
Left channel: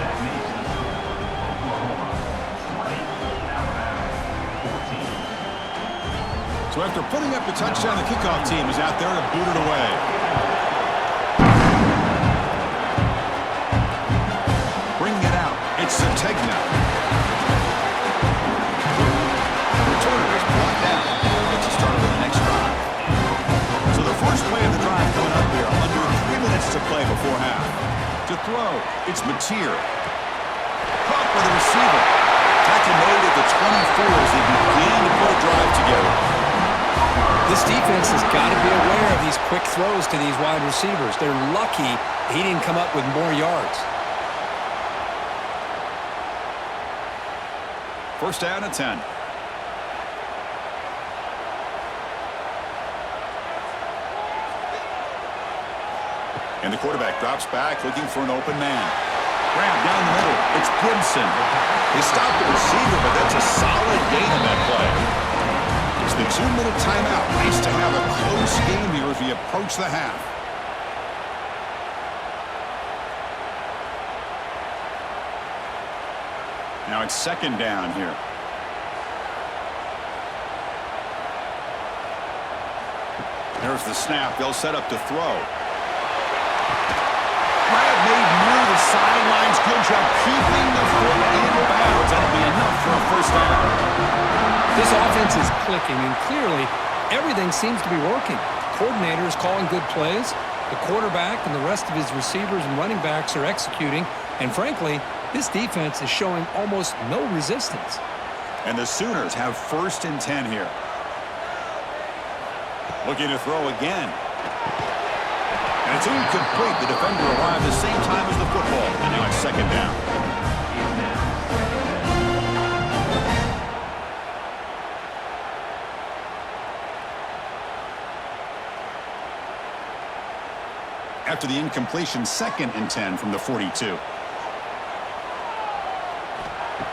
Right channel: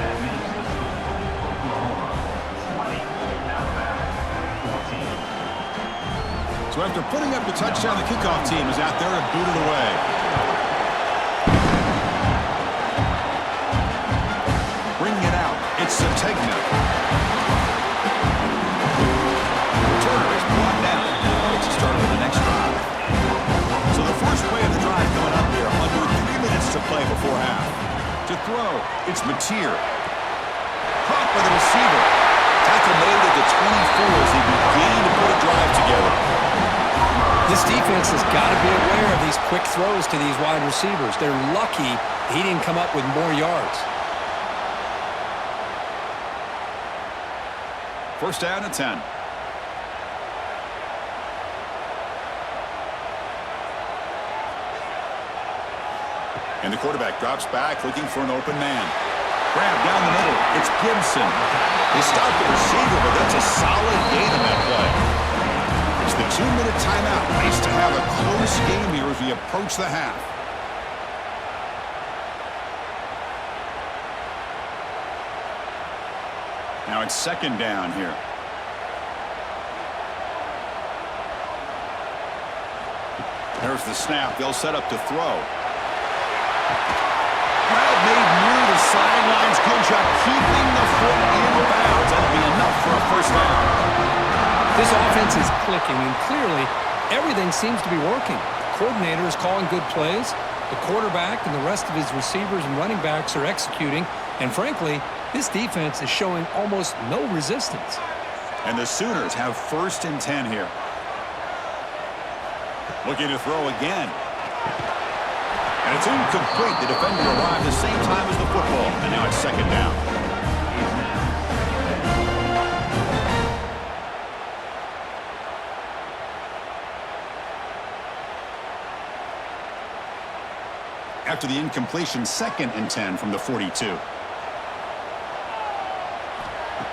That makes the score Oklahoma 20, Alabama 14. So after putting up the touchdown, the kickoff team is out there to boot it away. Bringing it out, it's Sategna. Returner is brought down. It's a start of the next drive. So the first play of the drive coming up here, under 3 minutes to play before half. To throw, it's Mateer. Caught by the receiver. Tackle made at the 24 as they begin to put a drive together. This defense has got to be aware of these quick throws to these wide receivers. They're lucky he didn't come up with more yards. First down and 10. And the quarterback drops back looking for an open man. Grab down the middle. It's Gibson. They stop the receiver, but that's a solid gain on that play. It's the 2-minute timeout. Nice to have a close game here as we approach the half. Now it's second down here. There's the snap. They'll set up to throw. Grab made near the sidelines. Good job keeping the foot in bounds. That'll be enough for a first down. This offense is clicking, and clearly everything seems to be working. The coordinator is calling good plays. The quarterback and the rest of his receivers and running backs are executing. And frankly, this defense is showing almost no resistance. And the Sooners have first and 10 here. Looking to throw again. And it's incomplete. The defender arrived the same time as the football. And now it's second down. After the incompletion, second and 10 from the 42.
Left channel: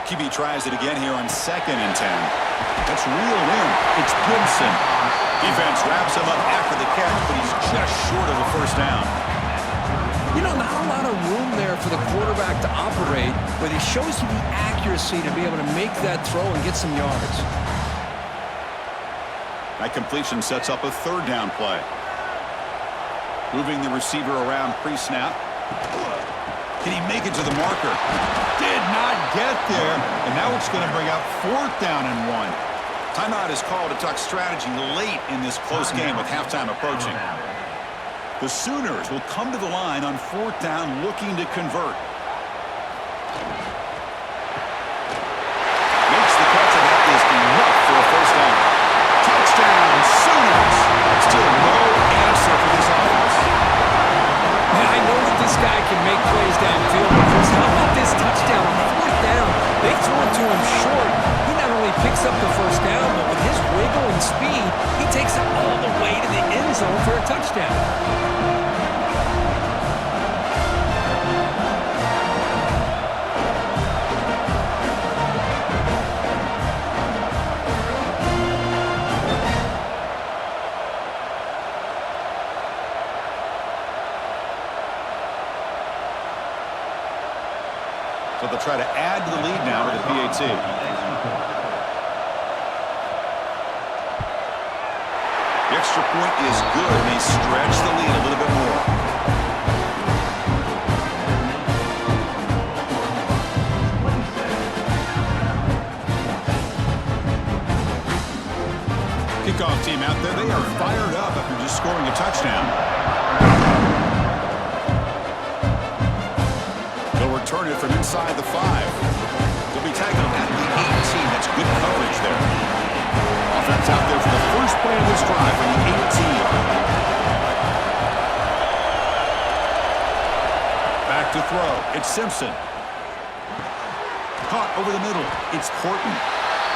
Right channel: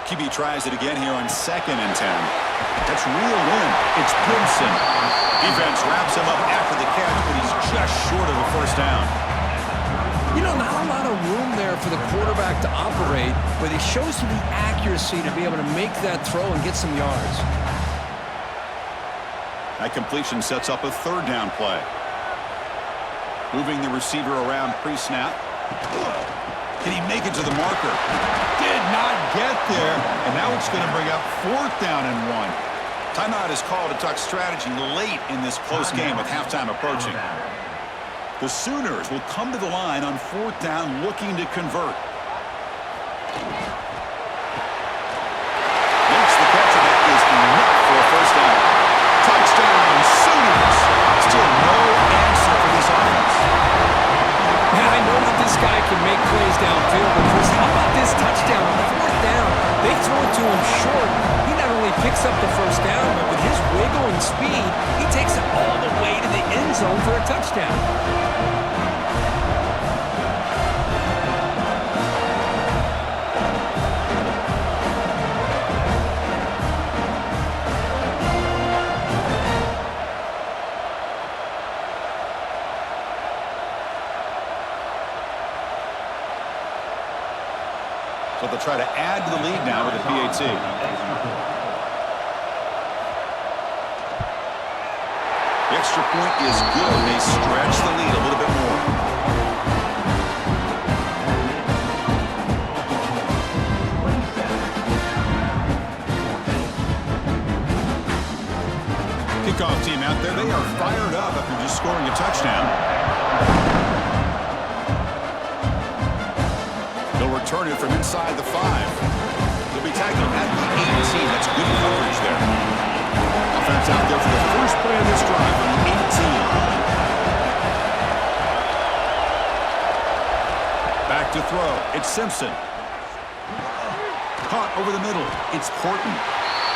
QB tries it again here on second and 10. That's reeled in. It's Gibson. Defense wraps him up after the catch, but he's just short of a first down. You know, not a lot of room there for the quarterback to operate, but he shows you the accuracy to be able to make that throw and get some yards. That completion sets up a third down play. Moving the receiver around pre-snap. Can he make it to the marker? Did not get there. And now it's going to bring up fourth down and 1. Timeout is called to talk strategy late in this close game with halftime approaching. The Sooners will come to the line on fourth down looking to convert. Makes the catch, and that is enough for a first down. Touchdown, Sooners! Still no answer for this offense. Man, I know that this guy can make plays downfield, but Chris, how about this touchdown on fourth down? They throw it to him short. He not only picks up the first down, but with his wiggle and speed, he takes it all the way to the end zone for a touchdown. So they'll try to add to the lead now with the PAT. The extra point is good, and they stretch the lead a little bit more. Kickoff team out there, they are fired up after just scoring a touchdown. They'll return it from inside the 5. They'll be tackled at the 18. That's good coverage there. Offense out there for the first play of this drive from the 18. Back to throw. It's Simpson. Caught over the middle. It's Horton.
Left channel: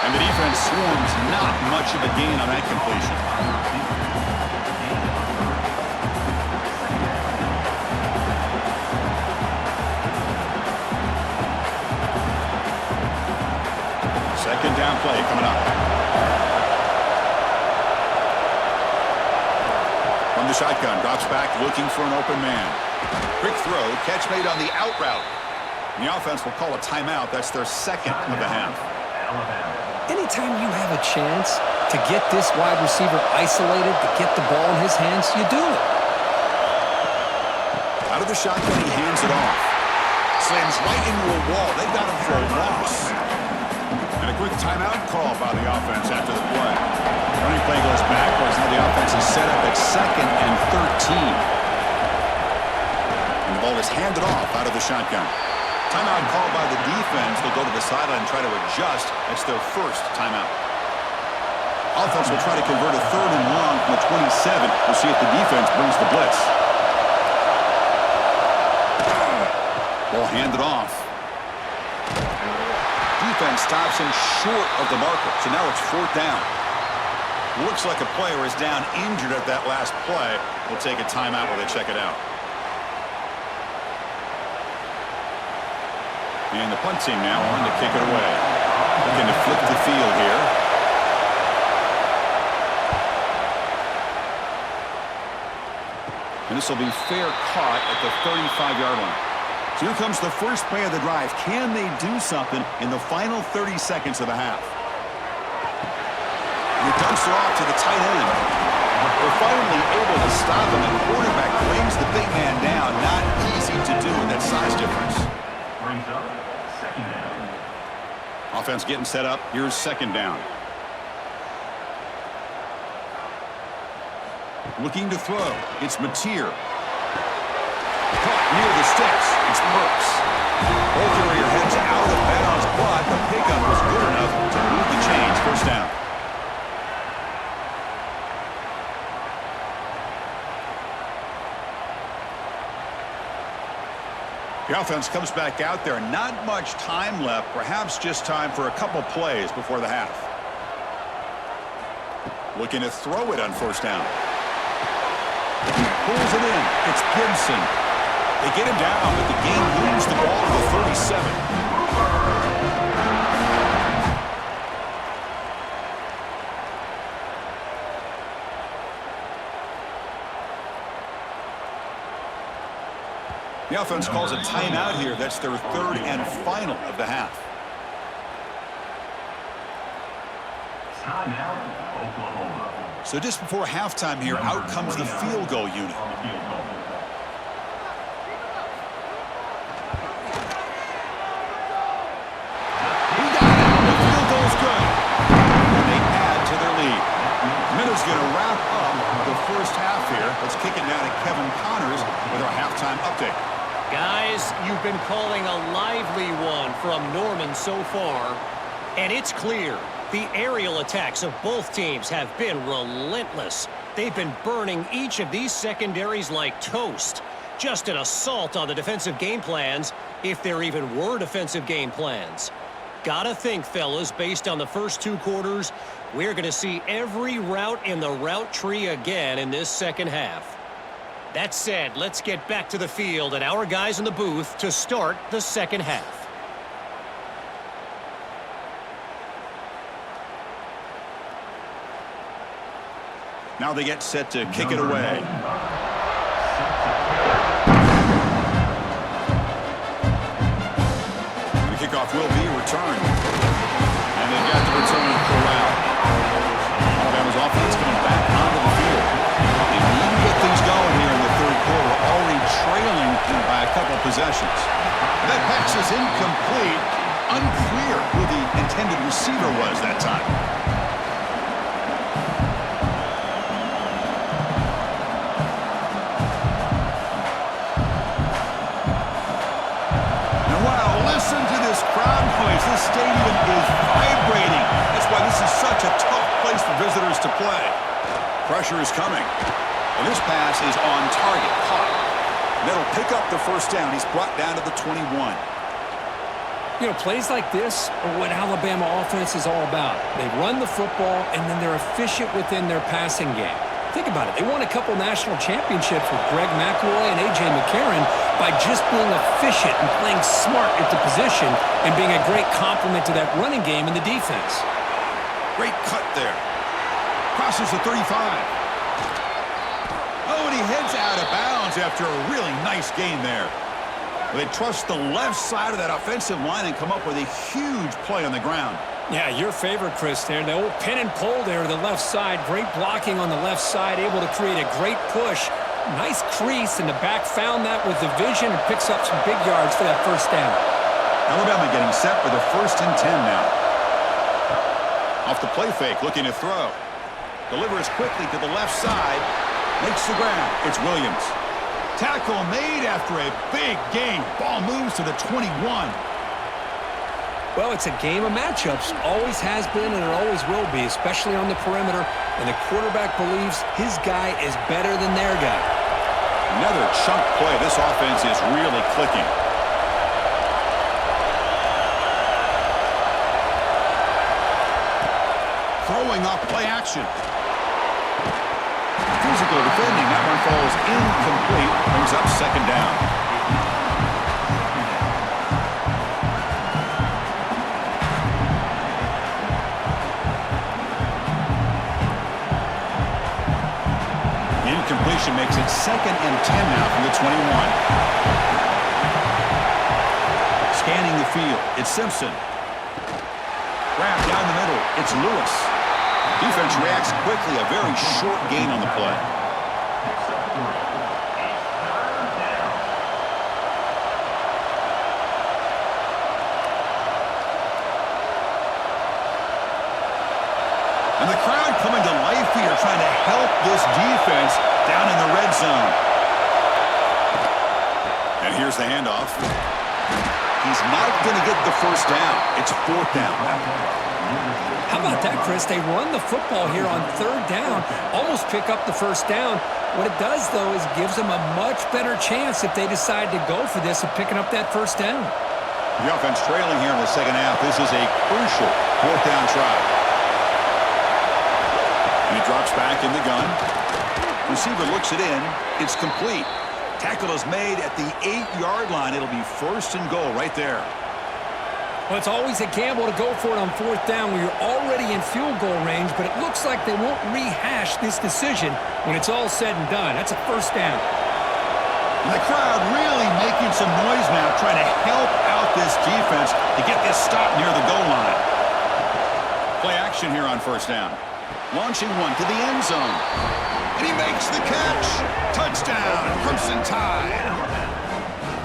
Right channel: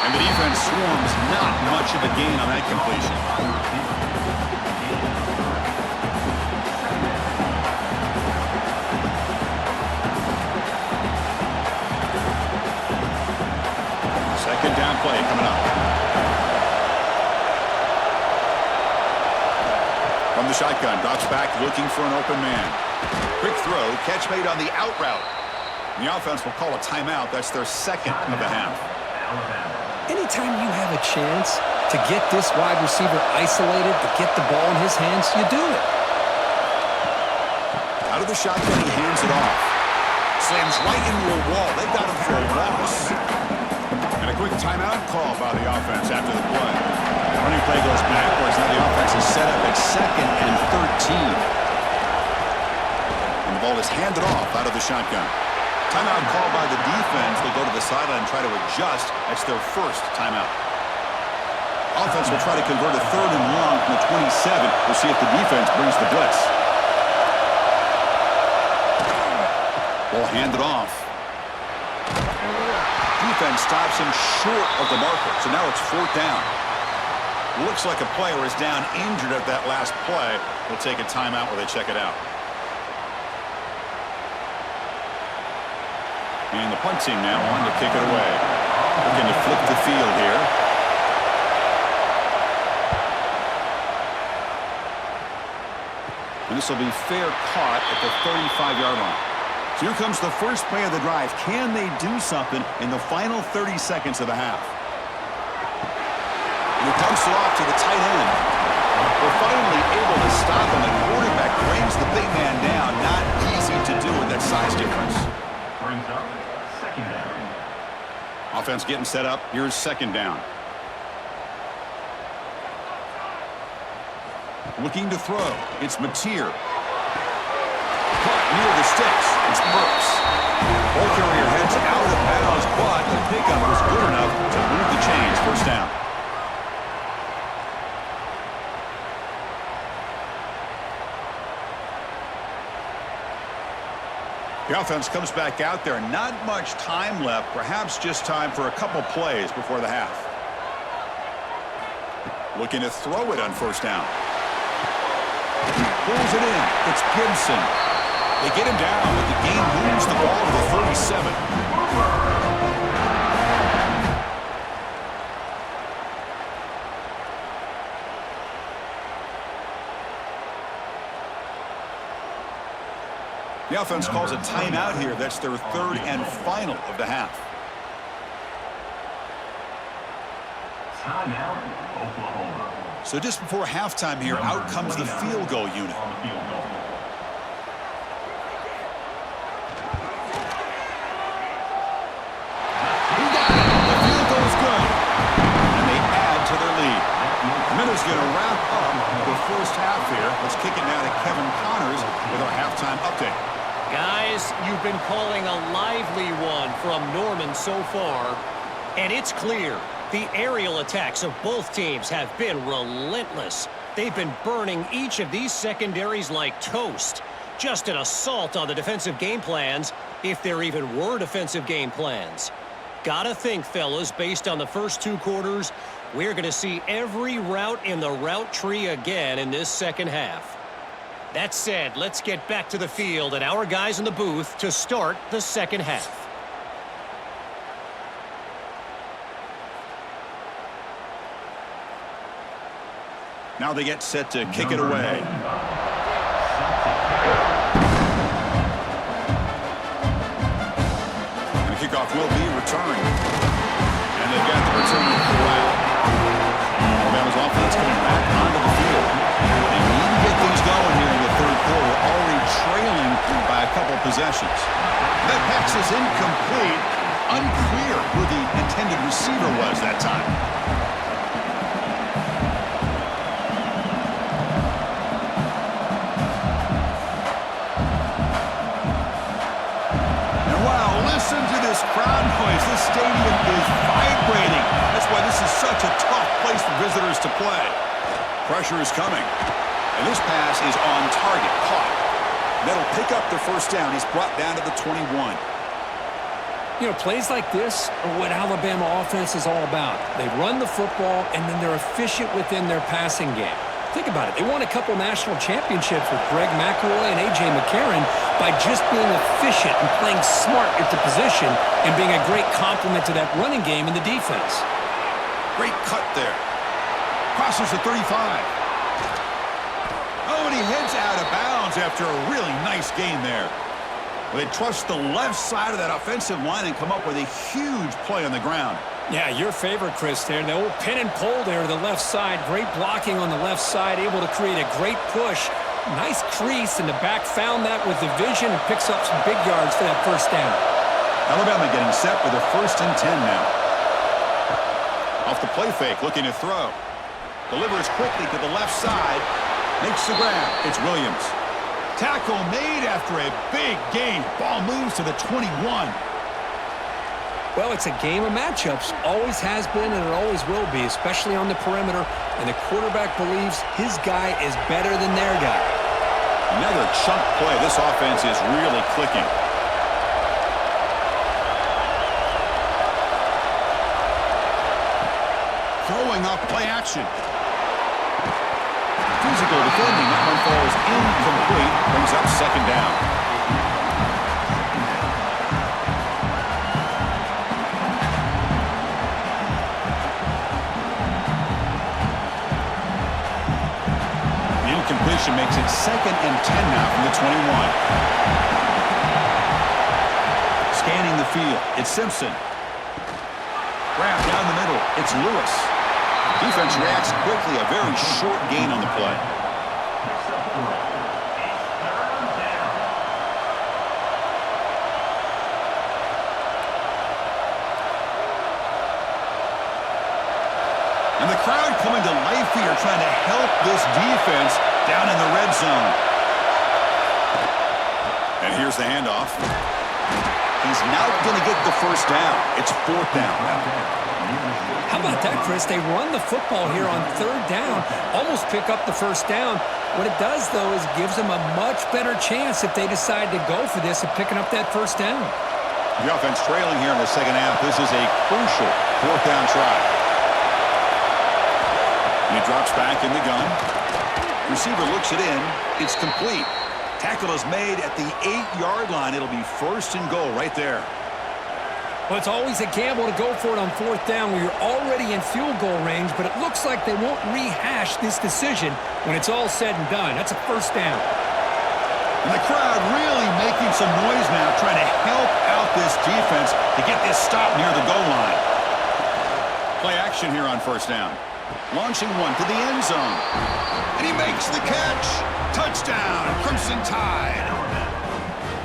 And the defense swarms. Not much of a gain on that completion. Second down play coming up. From the shotgun, drops back looking for an open man. Quick throw, catch made on the out route. And the offense will call a timeout. That's their second of the half. Anytime you have a chance to get this wide receiver isolated, to get the ball in his hands, you do it. Out of the shotgun, he hands it off. Slams right into a wall. They got him for a loss. And a quick timeout call by the offense after the play. Running play goes backwards. Now the offense is set up at second and 13. And the ball is handed off out of the shotgun. Timeout called by the defense. They'll go to the sideline and try to adjust. That's their first timeout. Offense will try to convert a 3rd and long from the 27. We'll see if the defense brings the blitz. Ball handed off. Defense stops him short of the marker, so now it's 4th down. Looks like a player is down injured at that last play. We'll take a timeout while they check it out. And the punt team now on to kick it away. Looking to flip the field here. And this will be fair caught at the 35-yard line. So here comes the first play of the drive. Can they do something in the final 30 seconds of the half? And he dumps it off to the tight end. They're finally able to stop him. The quarterback brings the big man down. Not easy to do with that size difference. Brings up 2nd down. Offense getting set up. Here's 2nd down. Looking to throw. It's Mateer. Caught near the sticks. It's Burks. Ball carrier heads out of bounds, but the pickup was good enough to move the chains. 1st down. The offense comes back out there. Not much time left. Perhaps just time for a couple plays before the half. Looking to throw it on 1st down. Pulls it in. It's Gibson. They get him down, but the game moves the ball to the 37. The offense calls a timeout here. That's their 3rd and final of the half. Timeout, Oklahoma. So just before halftime here, out comes the field goal unit. On the field goal. He got it. The field goal's good. And they add to their lead. Minutes going to wrap up the first half here. Let's kick it now to Kevin Connors with our halftime update. Guys, you've been calling a lively one from Norman so far, and it's clear. The aerial attacks of both teams have been relentless. They've been burning each of these secondaries like toast. Just an assault on the defensive game plans, if there even were defensive game plans. Gotta think, fellas, based on the first 2 quarters, we're going to see every route in the route tree again in this second half. That said, let's get back to the field and our guys in the booth to start the second half. Now they get set to kick it away. And the kickoff will be returned. And they've got the returner corralled. Alabama's offense coming back onto the field. They need to get things going here in the 3rd quarter, already trailing by a couple possessions. That pass is incomplete. Unclear who the intended receiver was that time. Listen to this crowd noise. This stadium is vibrating. That's why this is such a tough place for visitors to play. Pressure is coming. And this pass is on target. Caught. That'll pick up the 1st down. He's brought down to the 21. You know, plays like this are what Alabama offense is all about. They run the football, and then they're efficient within their passing game. Think about it. They won a couple national championships with Greg McElroy and A.J. McCarron by just being efficient and playing smart at the position and being a great complement to that running game in the defense. Great cut there. Crosses the 35. Oh, and he heads out of bounds after a really nice gain there. Well, they trust the left side of that offensive line and come up with a huge play on the ground. Yeah, your favorite, Chris, there. The old pin and pull there to the left side. Great blocking on the left side, able to create a great push. Nice crease, and the back found that with the vision and picks up some big yards for that 1st down. Alabama getting set for the 1st and 10 now. Off the play fake, looking to throw. Delivers quickly to the left side. Makes the grab. It's Williams. Tackle made after a big gain. Ball moves to the 21. Well, it's a game of matchups. Always has been and it always will be, especially on the perimeter. And the quarterback believes his guy is better than their guy. Another chunk play. This offense is really clicking. Throwing off play action. Physical defending. That one falls incomplete. Brings up second down. The incompletion makes it 2nd and 10 now from the 21. Scanning the field. It's Simpson. Grab down the middle. It's Lewis. Defense reacts quickly. A very short gain on the play. Picks up 3. It's 3rd down. And the crowd coming to life here, trying to help this defense down in the red zone. And here's the handoff. He's not going to get the first down. It's 4th down. How about that, Chris? They run the football here on 3rd down, almost pick up the first down. What it does, though, is gives them a much better chance if they decide to go for this of picking up that first down. The offense trailing here in the second half. This is a crucial 4th down try. And he drops back in the gun. Receiver looks it in. It's complete. Tackle is made at the 8-yard line. It'll be 1st and goal right there. Well, it's always a gamble to go for it on 4th down when you're already in field goal range, but it looks like they won't rehash this decision when it's all said and done. That's a first down. And the crowd really making some noise now, trying to help out this defense to get this stop near the goal line. Play action here on 1st down. Launching one to the end zone. And he makes the catch. Touchdown, Crimson Tide.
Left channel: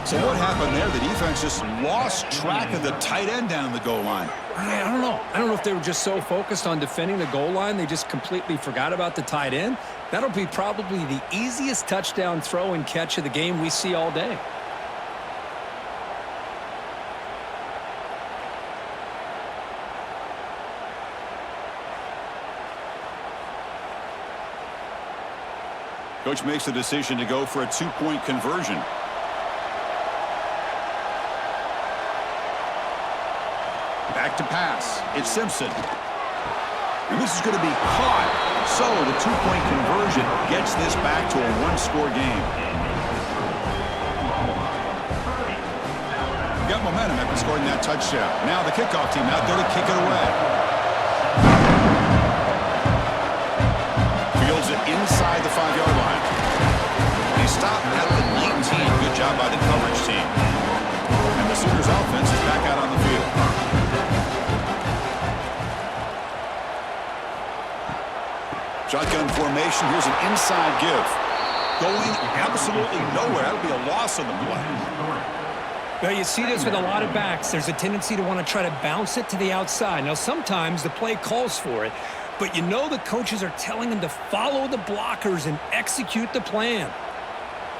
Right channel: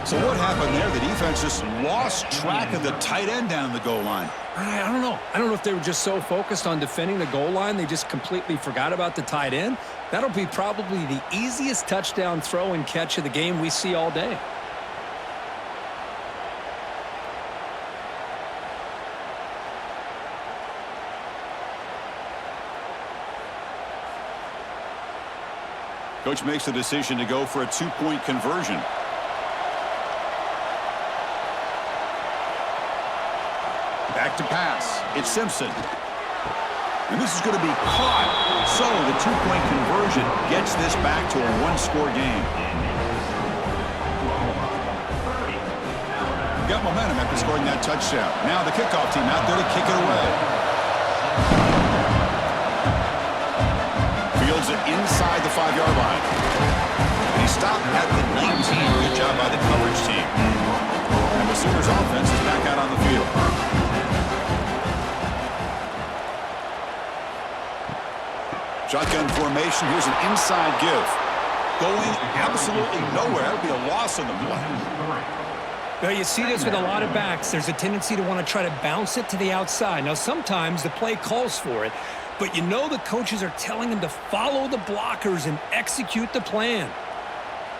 So what happened there? The defense just lost track of the tight end down in the goal line. I don't know. I don't know if they were just so focused on defending the goal line, they just completely forgot about the tight end. That'll be probably the easiest touchdown throw and catch of the game we see all day. Coach makes the decision to go for a 2-point conversion. Back to pass. It's Simpson. And this is going to be caught. So the 2-point conversion gets this back to a 1-score game. Got momentum after scoring that touchdown. Now the kickoff team out there to kick it away. Fields it inside the 5-yard line. And he stopped at the 19. Good job by the coverage team. And the Sooners offense is back out on the field. Shotgun formation. Here's an inside give. Going absolutely nowhere. That'll be a loss on the play. Well, you see this with a lot of backs. There's a tendency to want to try to bounce it to the outside. Now, sometimes the play calls for it, but you know the coaches are telling them to follow the blockers and execute the plan.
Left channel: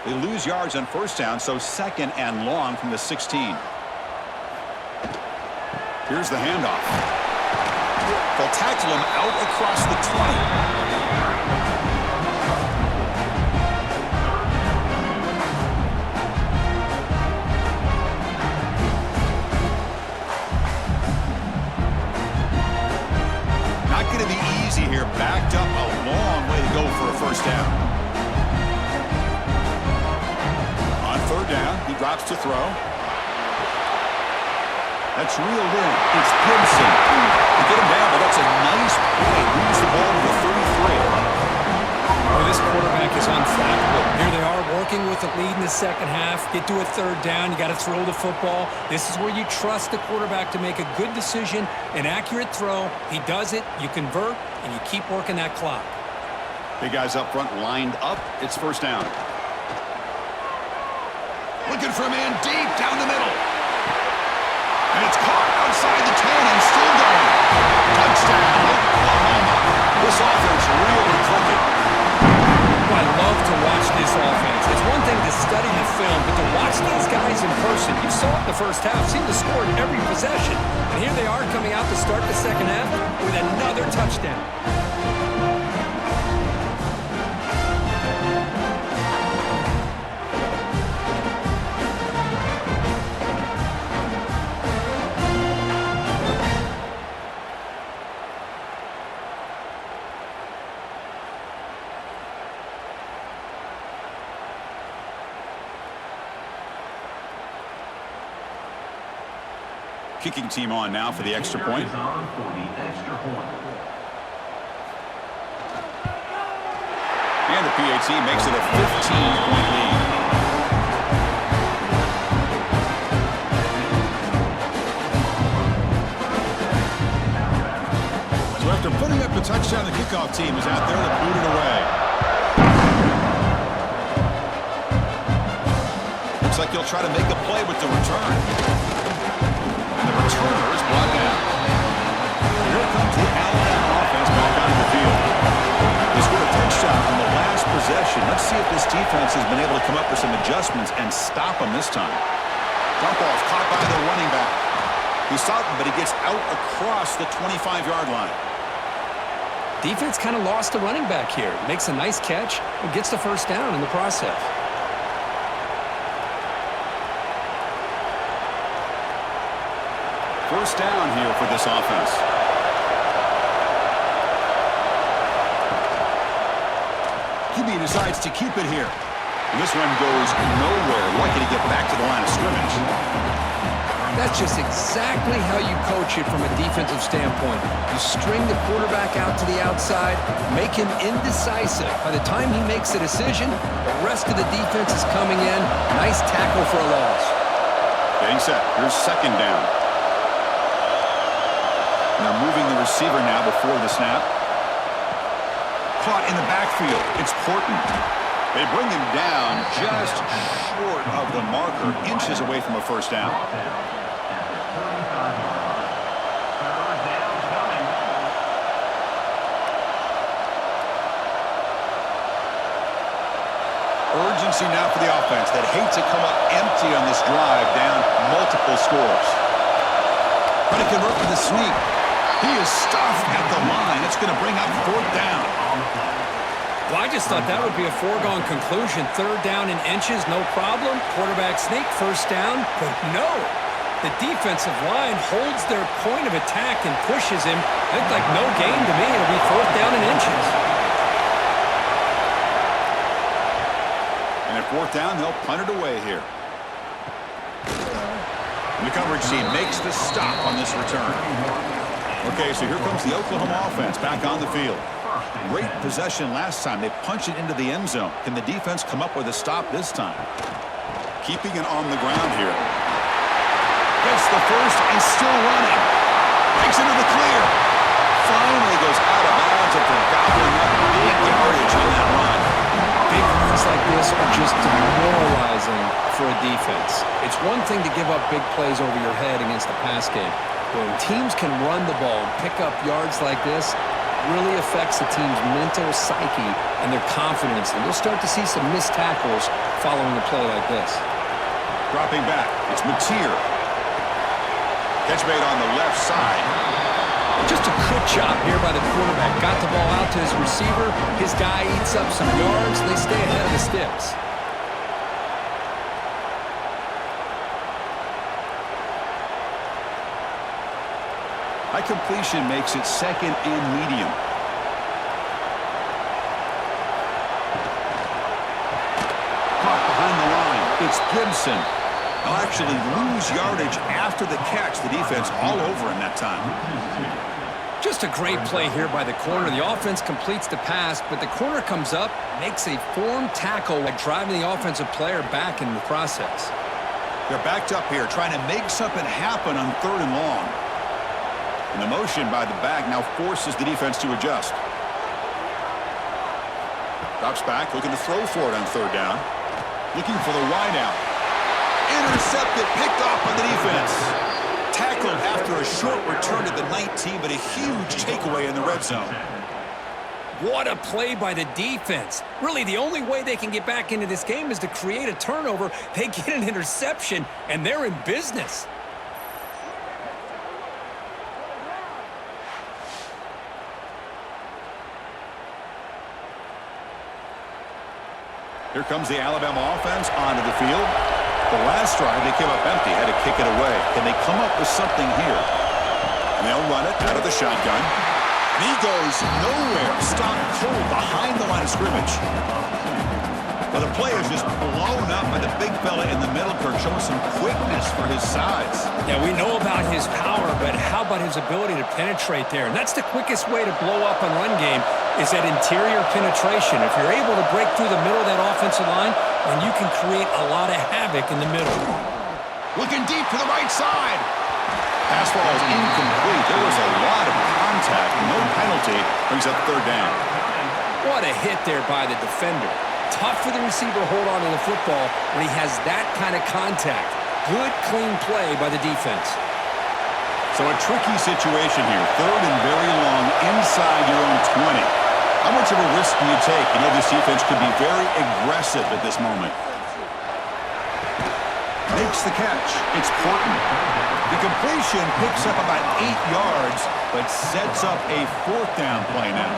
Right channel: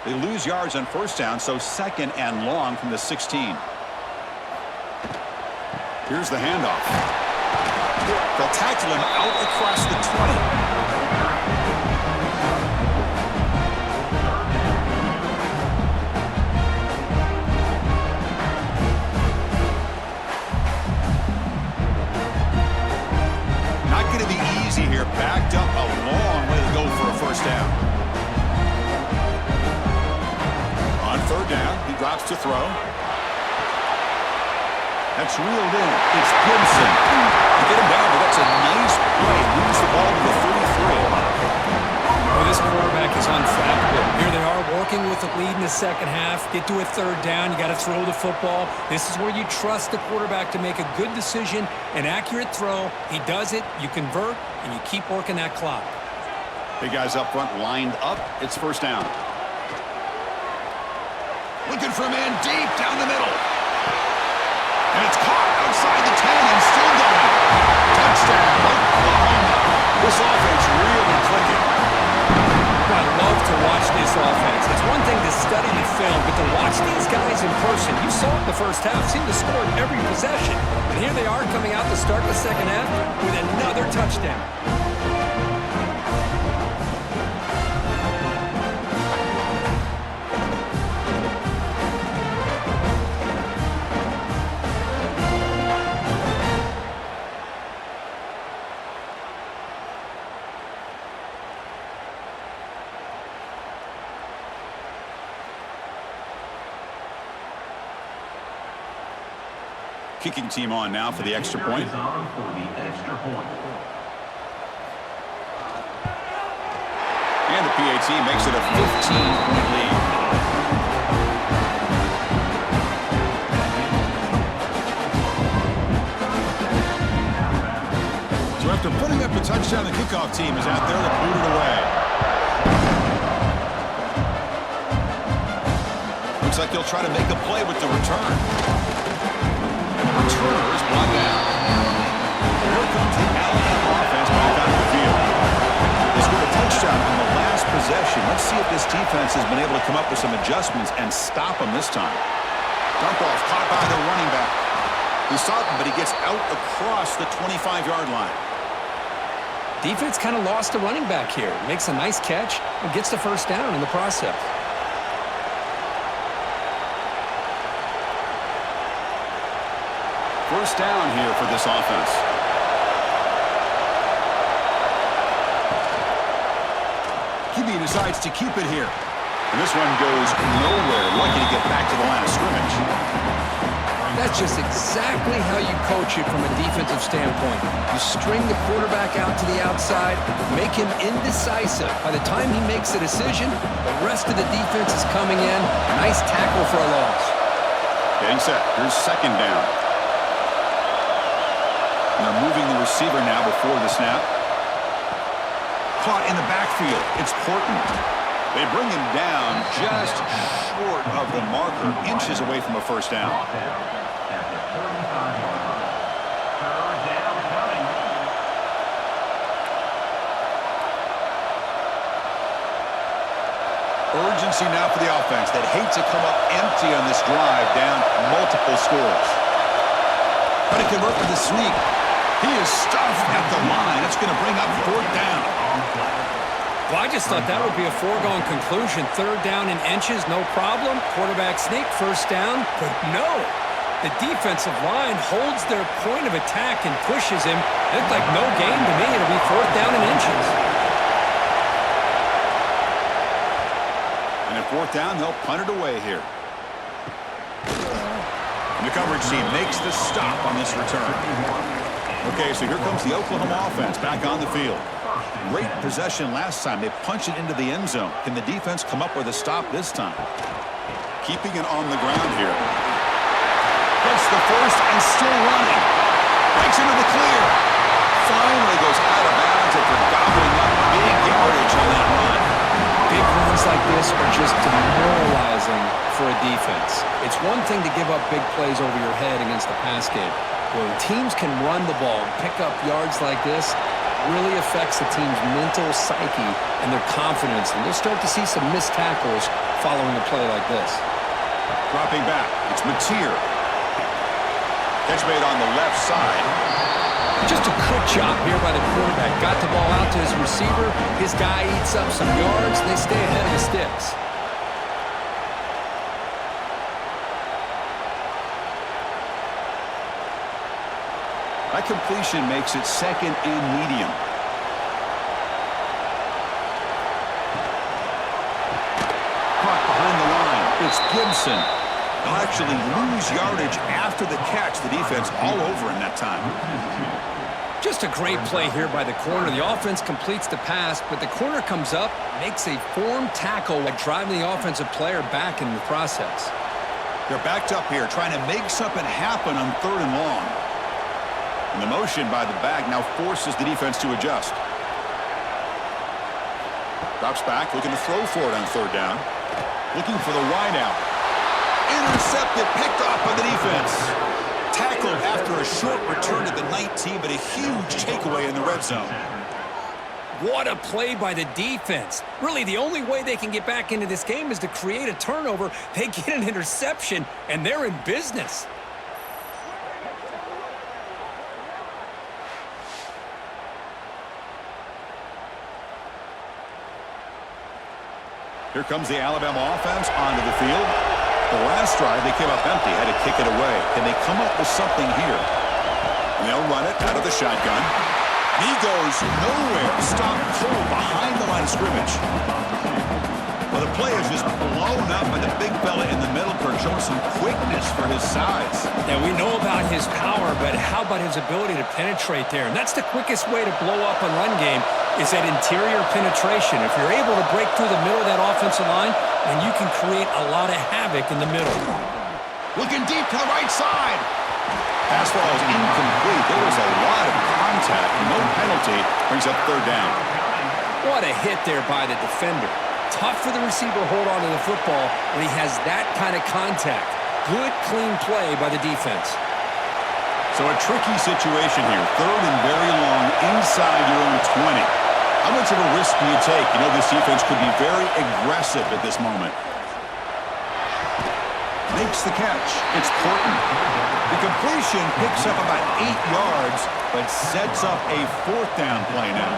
They lose yards on 1st down, so 2nd and long from the 16. Here's the handoff. They'll tackle him out across the 20. Not going to be easy here. Backed up a long way to go for a 1st down. On 3rd down, he drops to throw. That's reeled in. It's Gibson. To get him down, but that's a nice play. Moves the ball to the 33. Well, this quarterback is unflappable. Here they are working with the lead in the second half. Get to a 3rd down. You got to throw the football. This is where you trust the quarterback to make a good decision, an accurate throw. He does it. You convert, and you keep working that clock. Big guys up front lined up. It's 1st down. Looking for a man deep down the middle. And it's caught outside the 10 and still going. Touchdown, Oklahoma. This offense really clicking. I love to watch this offense. It's one thing to study the film, but to watch these guys in person, you saw it in the first half, seemed to score in every possession. And here they are coming out to start the second half with another touchdown. Kicking team on now for the extra point. Is on for the extra point. And the PAT makes it a 15-point lead. So after putting up a touchdown, the kickoff team is out there to boot it away. Looks like he'll try to make a play with the return. And the returner is brought down. So here comes the Alabama offense back onto the field. They scored a touchdown on the last possession. Let's see if this defense has been able to come up with some adjustments and stop them this time. Dump off caught by the running back. He stopped him, but he gets out across the 25-yard line. Defense kind of lost the running back here. Makes a nice catch and gets the first down in the process. First down here for this offense. QB decides to keep it here. And this one goes nowhere. Lucky to get back to the line of scrimmage. That's just exactly how you coach it from a defensive standpoint. You string the quarterback out to the outside, make him indecisive. By the time he makes a decision, the rest of the defense is coming in. Nice tackle for a loss. Getting set. Here's second down. And they're moving the receiver now before the snap. Caught in the backfield. It's Portland. They bring him down just short of the marker, inches away from a first down. At the 35-yard line. Third down coming. Urgency now for the offense that hate to come up empty on this drive, down multiple scores. But he convert with a sneak. He is stuffed at the line. It's going to bring up fourth down. Well, I just thought that would be a foregone conclusion. Third down in inches, no problem. Quarterback sneak, first down. But no, the defensive line holds their point of attack and pushes him. It looked like no gain to me. It'll be fourth down in inches. And at fourth down, they'll punt it away here. And the coverage team makes the stop on this return. Okay, so here comes the Oklahoma offense back on the field. Great possession last time. They punch it into the end zone. Can the defense come up with a stop this time? Keeping it on the ground here. Gets the first and still running. Breaks into the clear. Finally goes out of bounds after gobbling up big yardage on that run. Big runs like this are just demoralizing for a defense. It's one thing to give up big plays over your head against the pass game. When teams can run the ball and pick up yards like this, really affects the team's mental psyche and their confidence. And you'll start to see some missed tackles following a play like this. Dropping back, it's Mateer. Catch made on the left side. Just a good job here by the quarterback. Got the ball out to his receiver. His guy eats up some yards. They stay ahead of the sticks. That completion makes it second and medium. Caught behind the line. It's Gibson. They'll actually lose yardage after the catch. The defense all over in that time. Just a great play here by the corner. The offense completes the pass, but the corner comes up, makes a formed tackle while driving the offensive player back in the process. They're backed up here, trying to make something happen on third and long. And the motion by the back now forces the defense to adjust. Drops back, looking to throw for it on third down. Looking for the wide out. Intercepted, picked off by the defense. Tackled after a short return to the 19, but a huge takeaway in the red zone. What a play by the defense. Really, the only way they can get back into this game is to create a turnover. They get an interception, and they're in business. Here comes the Alabama offense onto the field. The last drive, they came up empty, had to kick it away. Can they come up with something here? And they'll run it out of the shotgun. And he goes nowhere. Stopped cold behind the line of scrimmage. Well, the play is just blown up by the big fella in the middle, Kirk, showing some quickness for his size. Yeah, we know about his power, but how about his ability to penetrate there? And that's the quickest way to blow up on run game is that interior penetration. If you're able to break through the middle of that offensive line, then you can create a lot of havoc in the middle. Looking deep to the right side. Pass ball is incomplete. There was a lot of contact. No penalty. Brings up third down. What a hit there by the defender. Tough for the receiver to hold on to the football when he has that kind of contact. Good, clean play by the defense. So a tricky situation here. Third and very long inside your own 20. How much of a risk do you take? You know this defense could be very aggressive at this moment. Makes the catch. It's Porton. The completion picks up about 8 yards, but sets up a fourth down play now.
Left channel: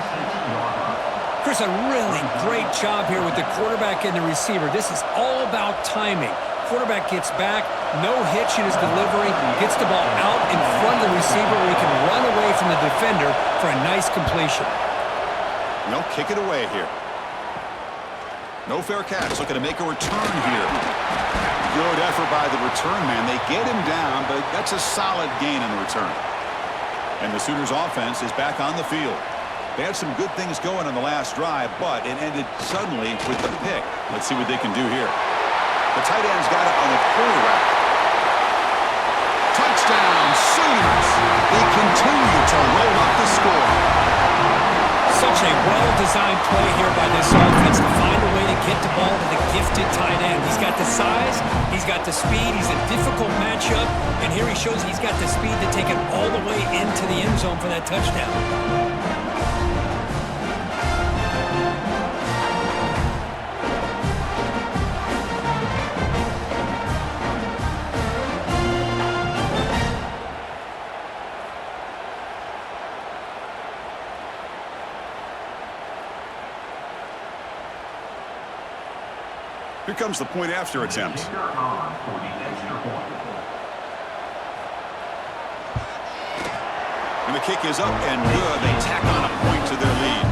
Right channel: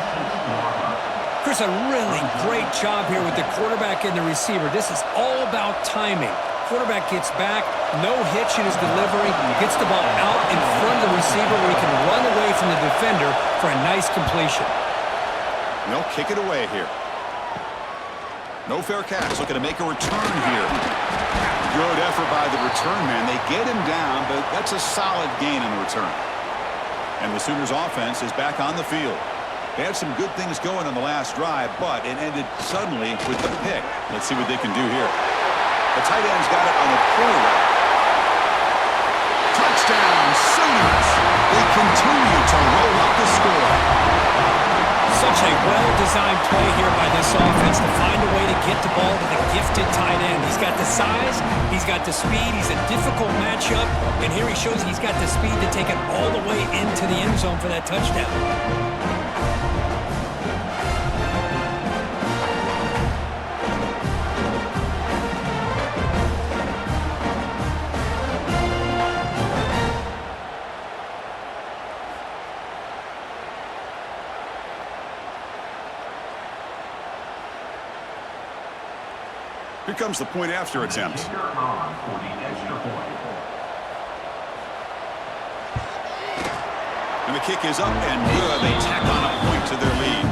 Chris, a really great job here with the quarterback and the receiver. This is all about timing. Quarterback gets back, no hitch in his delivery, gets the ball out in front of the receiver where he can run away from the defender for a nice completion. They'll kick it away here. No fair catch. Looking to make a return here. Good effort by the return man. They get him down, but that's a solid gain on the return. And the Sooners offense is back on the field. They had some good things going on the last drive, but it ended suddenly with the pick. Let's see what they can do here. The tight end's got it on the corner route. Touchdown, Sooners! They continue to roll up the score. Such a well-designed play here by this offense to find a way to get the ball to the gifted tight end. He's got the size, he's got the speed, he's a difficult matchup, and here he shows he's got the speed to take it all the way into the end zone for that touchdown. Here comes the point after attempt. Kicker on for the extra point. And the kick is up and good. They tack on a point to their lead.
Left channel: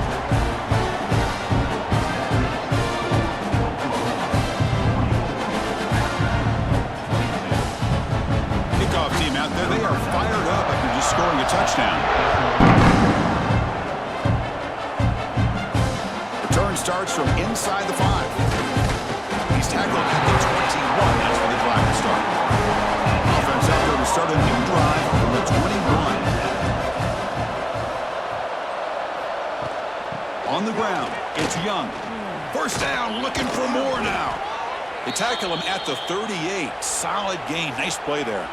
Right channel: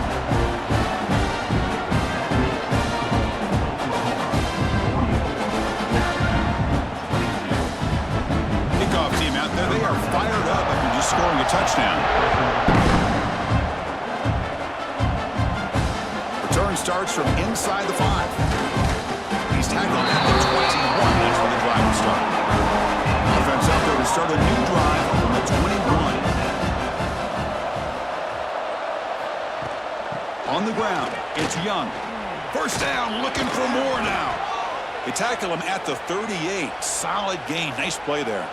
Kickoff team out there. They are fired up after just scoring a touchdown. Return starts from inside the 5. He's tackled at the 21. That's where the drive will start. Offense out there to start a new drive from the 21. On the ground, it's Young. First down, looking for more now. They tackle him at the 38. Solid gain. Nice play there.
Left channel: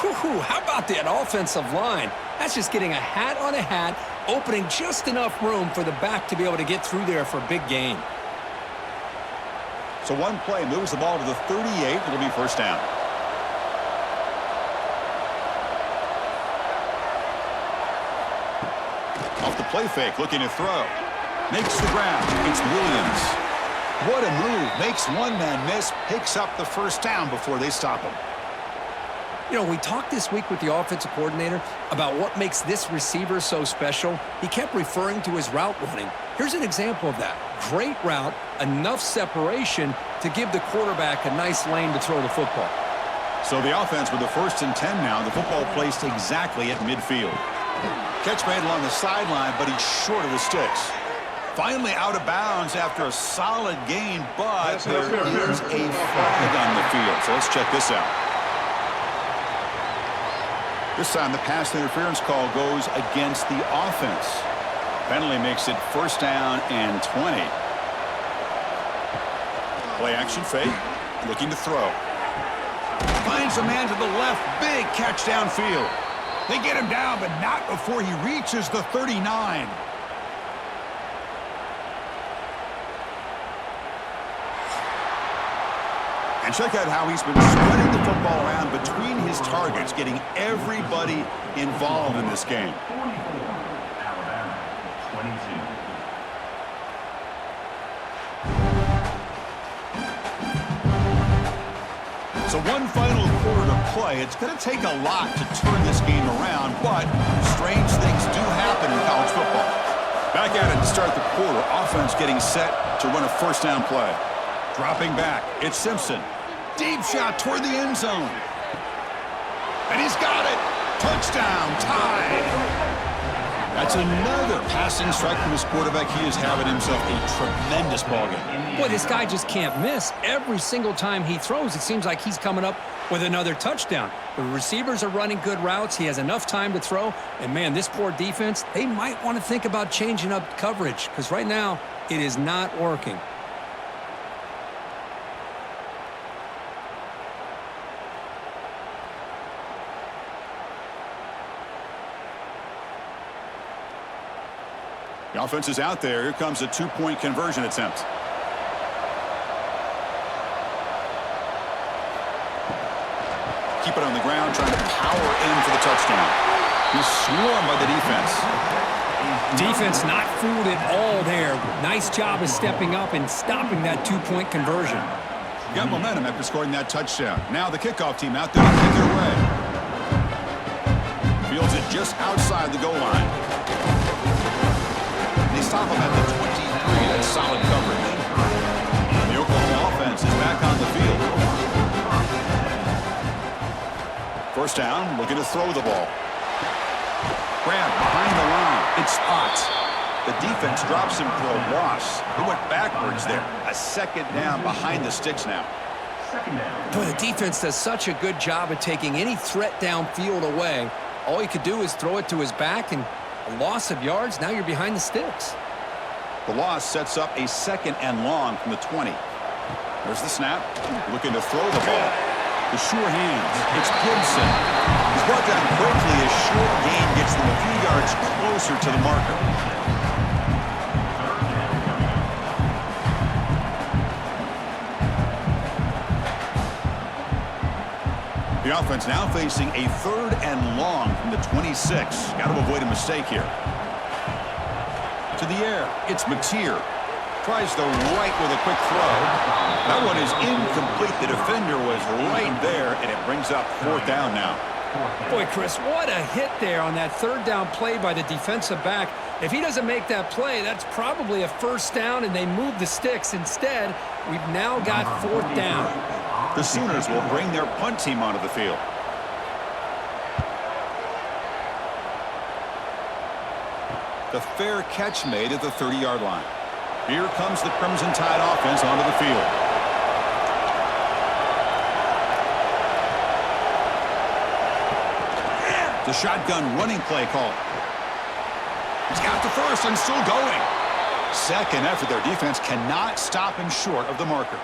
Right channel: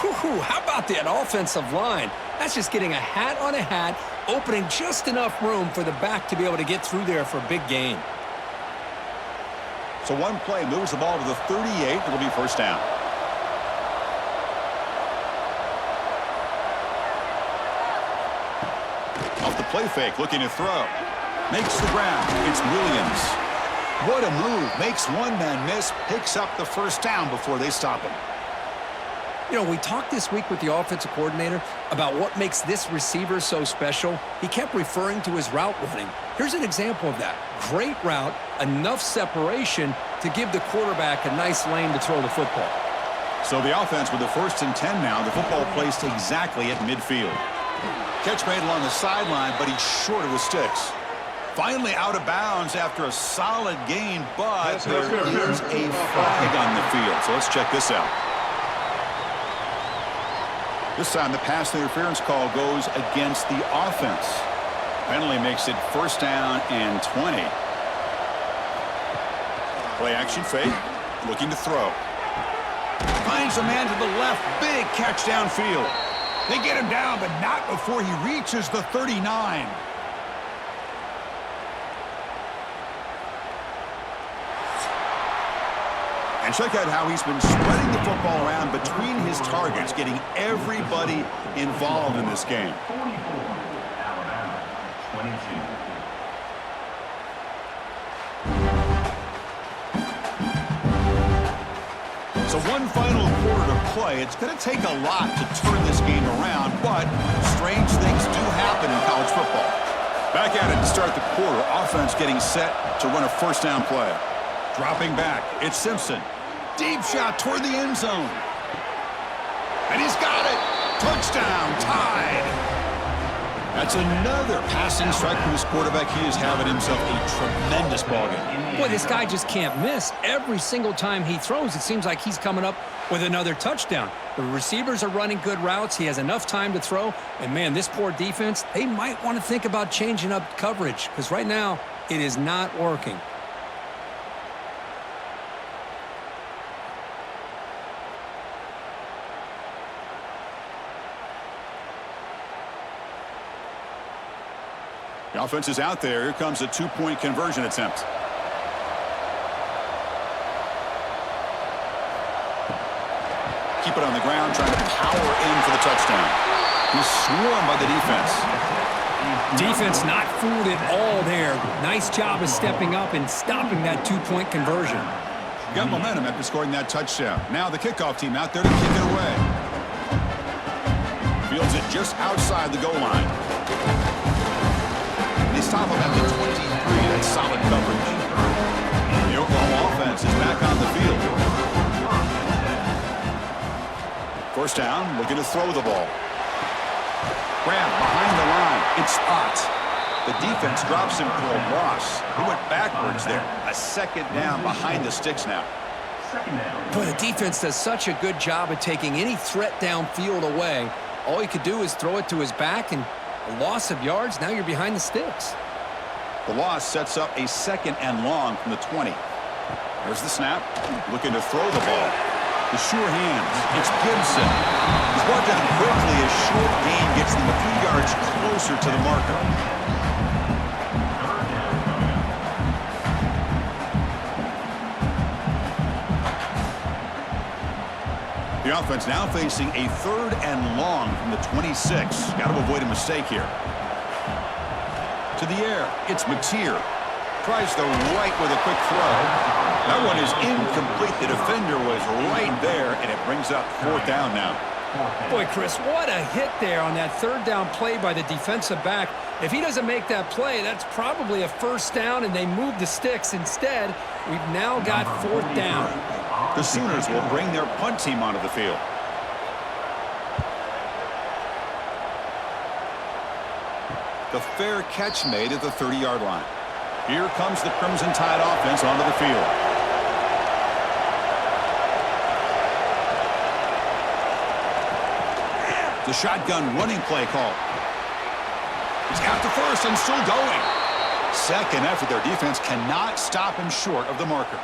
Whew, how about that offensive line? That's just getting a hat on a hat, opening just enough room for the back to be able to get through there for a big gain. So one play moves the ball to the 38. It'll be first down. Off the play fake, looking to throw. Makes the grab. It's Williams. What a move. Makes one man miss. Picks up the first down before they stop him. You know, we talked this week with the offensive coordinator about what makes this receiver so special. He kept referring to his route running. Here's an example of that. Great route, enough separation to give the quarterback a nice lane to throw the football. So the offense with the 1st and 10 now. The football placed exactly at midfield. Catch made along the sideline, but he's short of the sticks. Finally out of bounds after a solid gain, but there is a flag on the field. So let's check this out. This time the pass interference call goes against the offense. Penalty makes it first down and 20. Play action fake. Looking to throw. Finds a man to the left. Big catch downfield. They get him down, but not before he reaches the 39. And check out how he's been spreading the football around between his targets, getting everybody involved in this game. 44, Alabama, 22. So one final quarter to play. It's going to take a lot to turn this game around, but strange things do happen in college football. Back at it to start the quarter. Offense getting set to run a first down play. Dropping back. It's Simpson. Deep shot toward the end zone. And he's got it. Touchdown. Tied. That's another passing strike from his quarterback. He is having himself a tremendous ballgame. Boy, this guy just can't miss. Every single time he throws, it seems like he's coming up with another touchdown. The receivers are running good routes. He has enough time to throw. And, man, this poor defense, they might want to think about changing up coverage because right now it is not working. The offense is out there. Here comes a two-point conversion attempt. Keep it on the ground, trying to power in for the touchdown. He's swarmed by the defense. Defense not fooled at all there. Nice job of stepping up and stopping that two-point conversion. Got momentum after scoring that touchdown. Now the kickoff team out there to kick it away. Fields it just outside the goal line. They stop him at the 23. That's solid coverage. The Oklahoma offense is back on the field. First down, looking to throw the ball. Grab behind the line. It's Spot. The defense drops him for a loss. He went backwards there. A second down behind the sticks now. Boy, the defense does such a good job of taking any threat downfield away. All he could do is throw it to his back, and a loss of yards, now you're behind the sticks. The loss sets up a second and long from the 20. There's the snap. Looking to throw the ball. The sure hands. It's Gibson. He's brought down quickly. A short gain gets them a few yards closer to the marker. The offense now facing a third and long from the 26. Got to avoid a mistake here. To the air, it's Mateer. Tries the right with a quick throw. That one is incomplete. The defender was right there, and it brings up fourth down now. Boy, Chris, what a hit there on that third down play by the defensive back. If he doesn't make that play, that's probably a first down, and they move the sticks. Instead, we've now got fourth down. The Sooners will bring their punt team onto the field. The fair catch made at the 30-yard line. Here comes the Crimson Tide offense onto the field. The shotgun running play call. He's got the first and still going. Second effort, their defense cannot stop him short of the marker.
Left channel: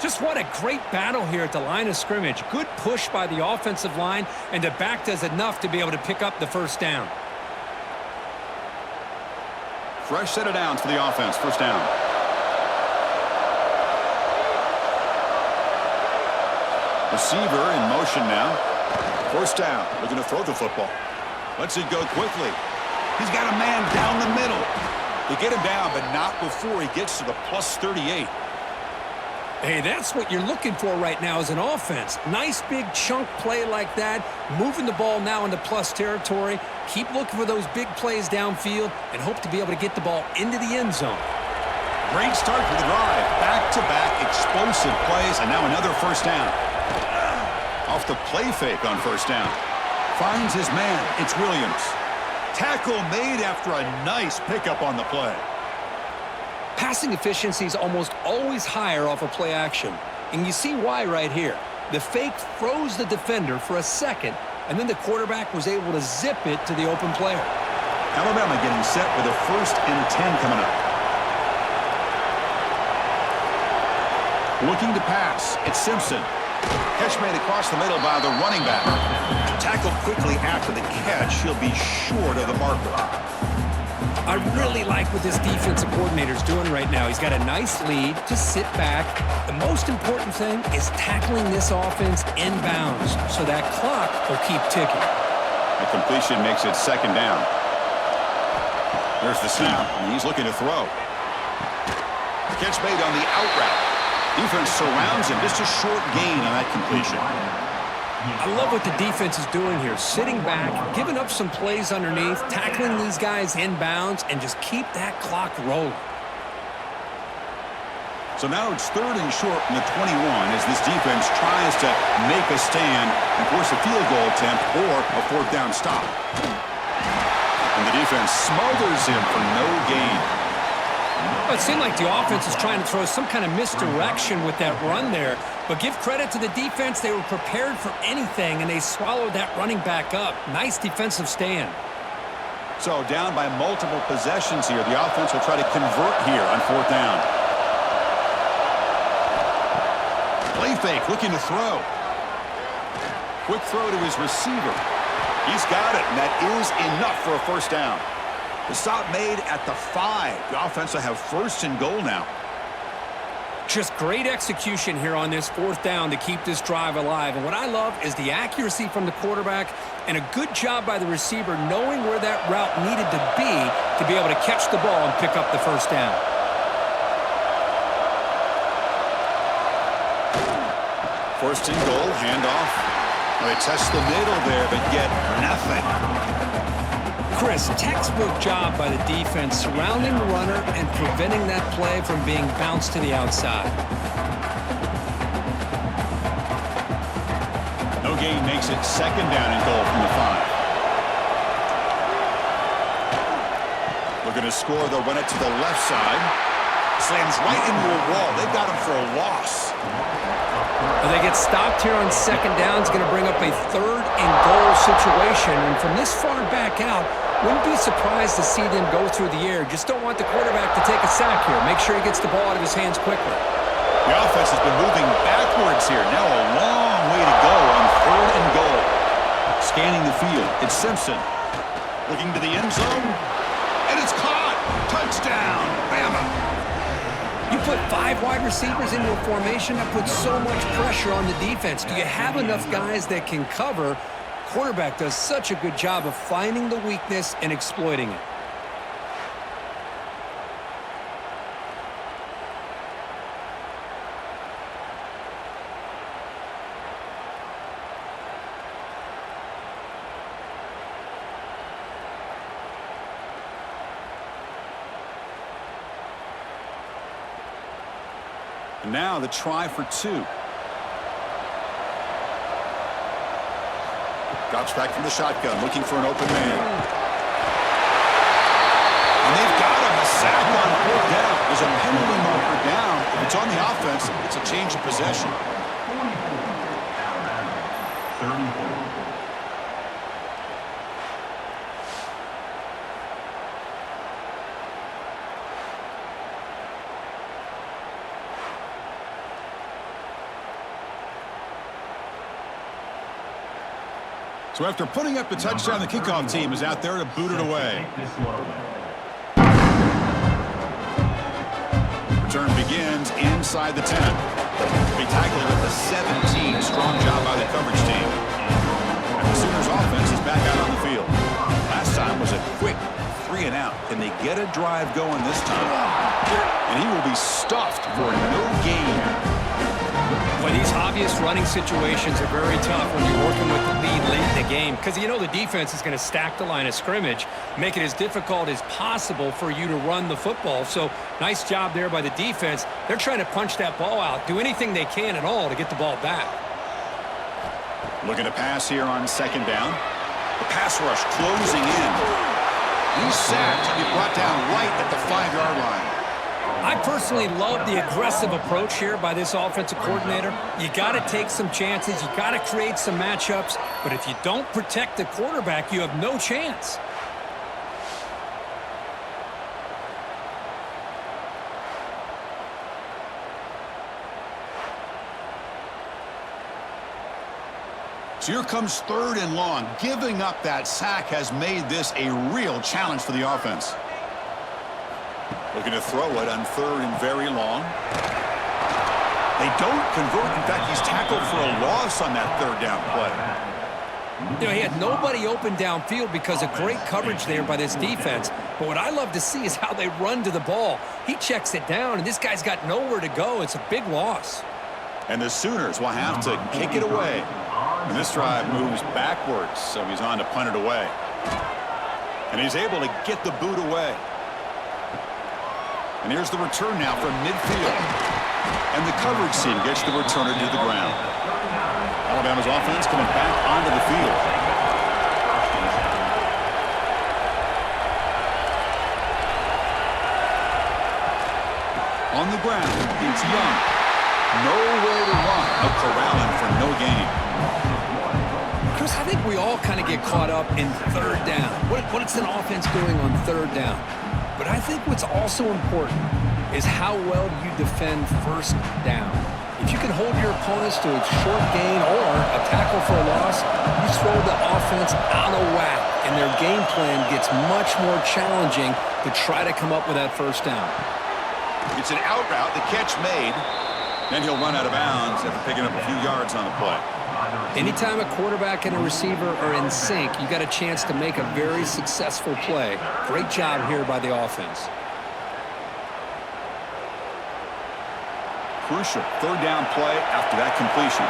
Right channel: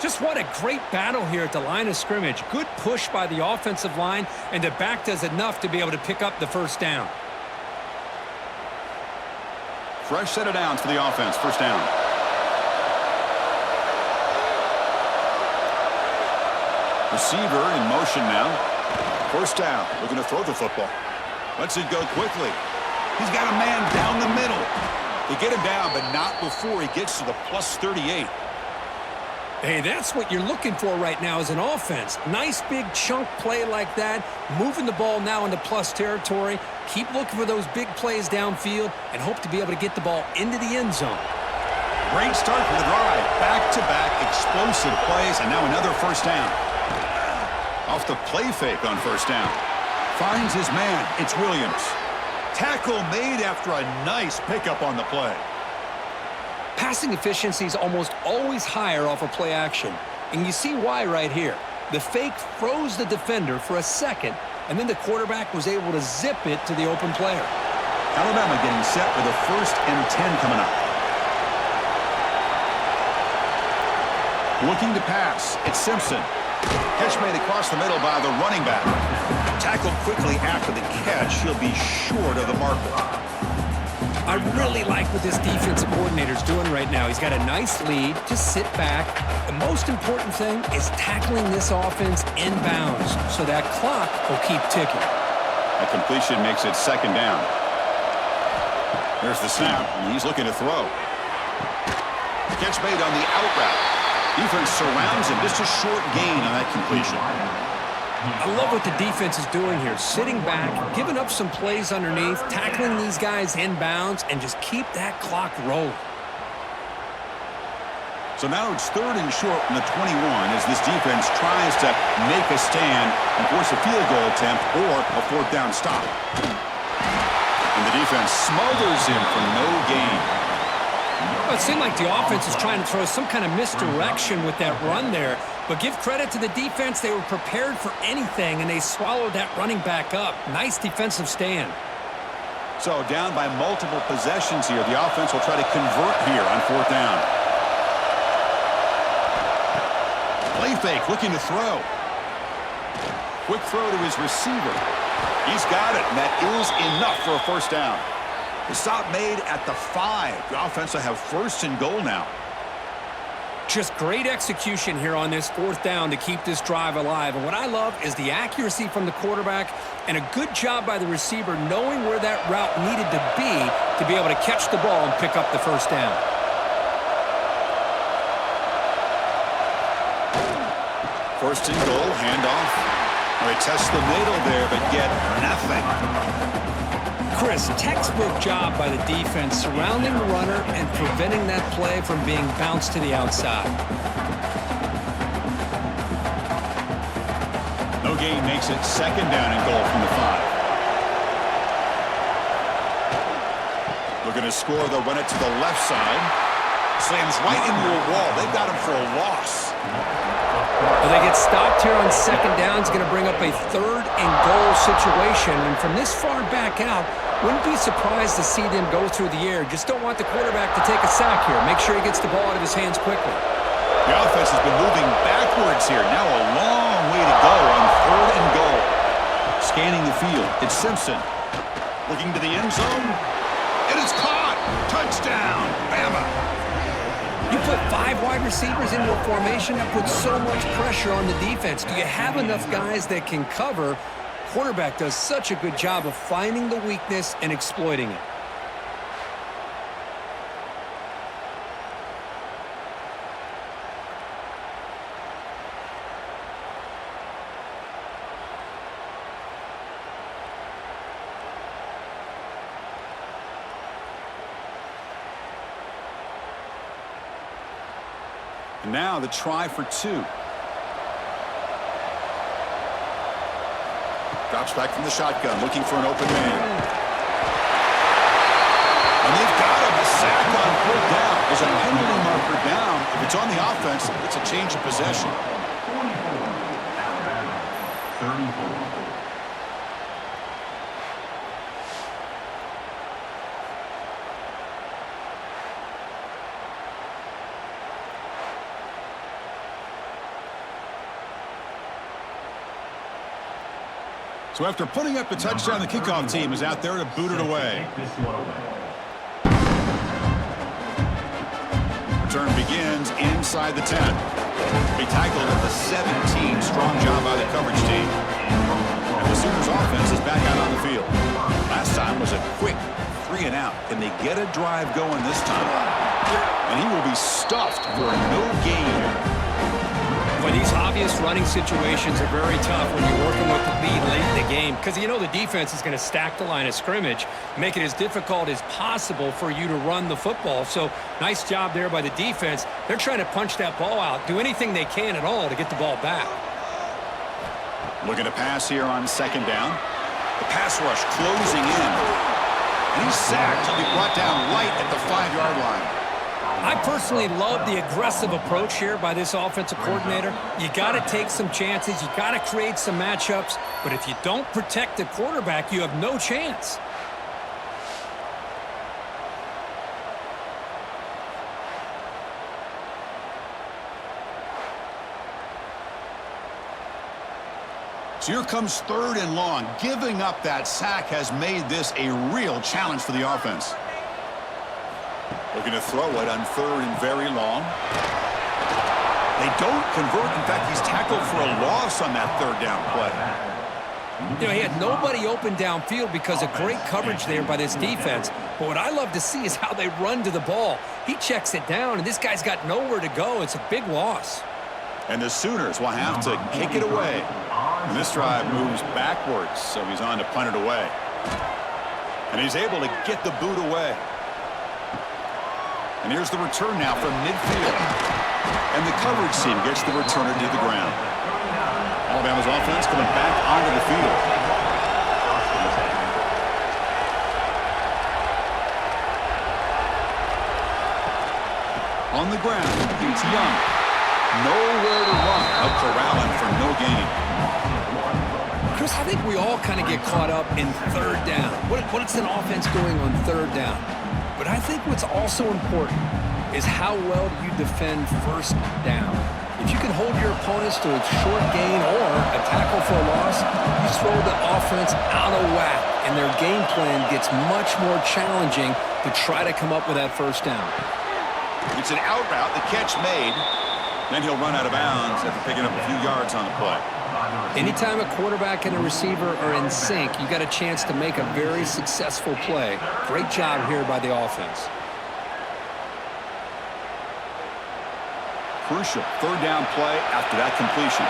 Just what a great battle here at the line of scrimmage. Good push by the offensive line, and the back does enough to be able to pick up the first down. Fresh set of downs for the offense. First down. Receiver in motion now. First down. Looking to throw the football. Lets it go quickly. He's got a man down the middle. They get him down, but not before he gets to the plus 38. Hey, that's what you're looking for right now as an offense. Nice big chunk play like that, moving the ball now into plus territory. Keep looking for those big plays downfield and hope to be able to get the ball into the end zone. Great start for the drive. Back-to-back explosive plays, and now another first down. Off the play fake on first down. Finds his man. It's Williams. Tackle made after a nice pickup on the play. Passing efficiency is almost always higher off of play action. And you see why right here. The fake froze the defender for a second, and then the quarterback was able to zip it to the open player. Alabama getting set with a 1st and 10 coming up. Looking to pass. It's Simpson. Catch made across the middle by the running back. Tackled quickly after the catch. He'll be short of the marker. I really like what this defensive coordinator's doing right now. He's got a nice lead. Just sit back. The most important thing is tackling this offense inbounds so that clock will keep ticking. A completion makes it second down. There's the snap, and he's looking to throw. Catch made on the out route. Defense surrounds him. Just a short gain on that completion. I love what the defense is doing here. Sitting back, giving up some plays underneath, tackling these guys inbounds, and just keep that clock rolling. So now it's 3rd and short from the 21 as this defense tries to make a stand and force a field goal attempt or a 4th down stop. And the defense smothers him for no gain. Well, it seemed like the offense is trying to throw some kind of misdirection with that run there. But give credit to the defense. They were prepared for anything, and they swallowed that running back up. Nice defensive stand. So down by multiple possessions here. The offense will try to convert here on 4th down. Play fake, looking to throw. Quick throw to his receiver. He's got it, and that is enough for a 1st down. The stop made at the 5. The offense will have 1st and goal now. Just great execution here on this 4th down to keep this drive alive. And what I love is the accuracy from the quarterback and a good job by the receiver knowing where that route needed to be able to catch the ball and pick up the 1st down. First and goal, handoff. Well, they test the middle there, but get nothing. Chris, textbook job by the defense surrounding the runner and preventing that play from being bounced to the outside. No gain makes it 2nd down and goal from the 5. Looking to score, they'll run it to the left side. Slams right into a wall. They've got him for a loss. Well, they get stopped here on 2nd down. It's going to bring up a 3rd and goal situation. And from this far back out, wouldn't be surprised to see them go through the air. Just don't want the quarterback to take a sack here. Make sure he gets the ball out of his hands quickly. The offense has been moving backwards here. Now a long way to go on 3rd and goal. Scanning the field, it's Simpson. Looking to the end zone. And it's caught. Touchdown, Bama. You put 5 wide receivers into a formation, that puts so much pressure on the defense. Do you have enough guys that can cover? Quarterback does such a good job of finding the weakness and exploiting it. And now the try for 2. Drops back from the shotgun, looking for an open man. And they've got him, a sack on 4th down. There's a penalty marker down. If it's on the offense, it's a change of possession. 34. So after putting up the touchdown, the kickoff team is out there to boot it away. Return begins inside the 10. Be tackled at the 17. Strong job by the coverage team. And the Sooners offense is back out on the field. Last time was a quick 3 and out. Can they get a drive going this time? And he will be stuffed for no gain. Boy, these obvious running situations are very tough when you're working with the lead late in the game because you know the defense is going to stack the line of scrimmage, make it as difficult as possible for you to run the football. So nice job there by the defense. They're trying to punch that ball out, do anything they can at all to get the ball back. Looking to pass here on 2nd down. The pass rush closing in. And he's sacked. He'll be brought down right at the 5-yard line. I personally love the aggressive approach here by this offensive coordinator. You got to take some chances. You got to create some matchups. But if you don't protect the quarterback, you have no chance. So here comes 3rd and long. Giving up that sack has made this a real challenge for the offense. Looking to throw it on 3rd and very long. They don't convert. In fact, he's tackled for a loss on that 3rd down play. You know, he had nobody open downfield because of great coverage there by this defense. But what I love to see is how they run to the ball. He checks it down, and this guy's got nowhere to go. It's a big loss. And the Sooners will have to kick it away. And this drive moves backwards, so he's on to punt it away. And he's able to get the boot away. And here's the return now from midfield. And the coverage team gets the returner to the ground. Alabama's offense coming back onto the field. On the ground, it's Young. Nowhere to run. A corralling for no gain. Chris, I think we all kind of get caught up in third down. What's an offense doing on third down? But I think what's also important is how well do you defend first down. If you can hold your opponents to a short gain or a tackle for a loss, you throw the offense out of whack, and their game plan gets much more challenging to try to come up with that first down. It's an out route, the catch made. Then he'll run out of bounds after picking up a few yards on the play. Anytime a quarterback and a receiver are in sync, you got a chance to make a very successful play. Great job here by the offense. Crucial third down play after that completion.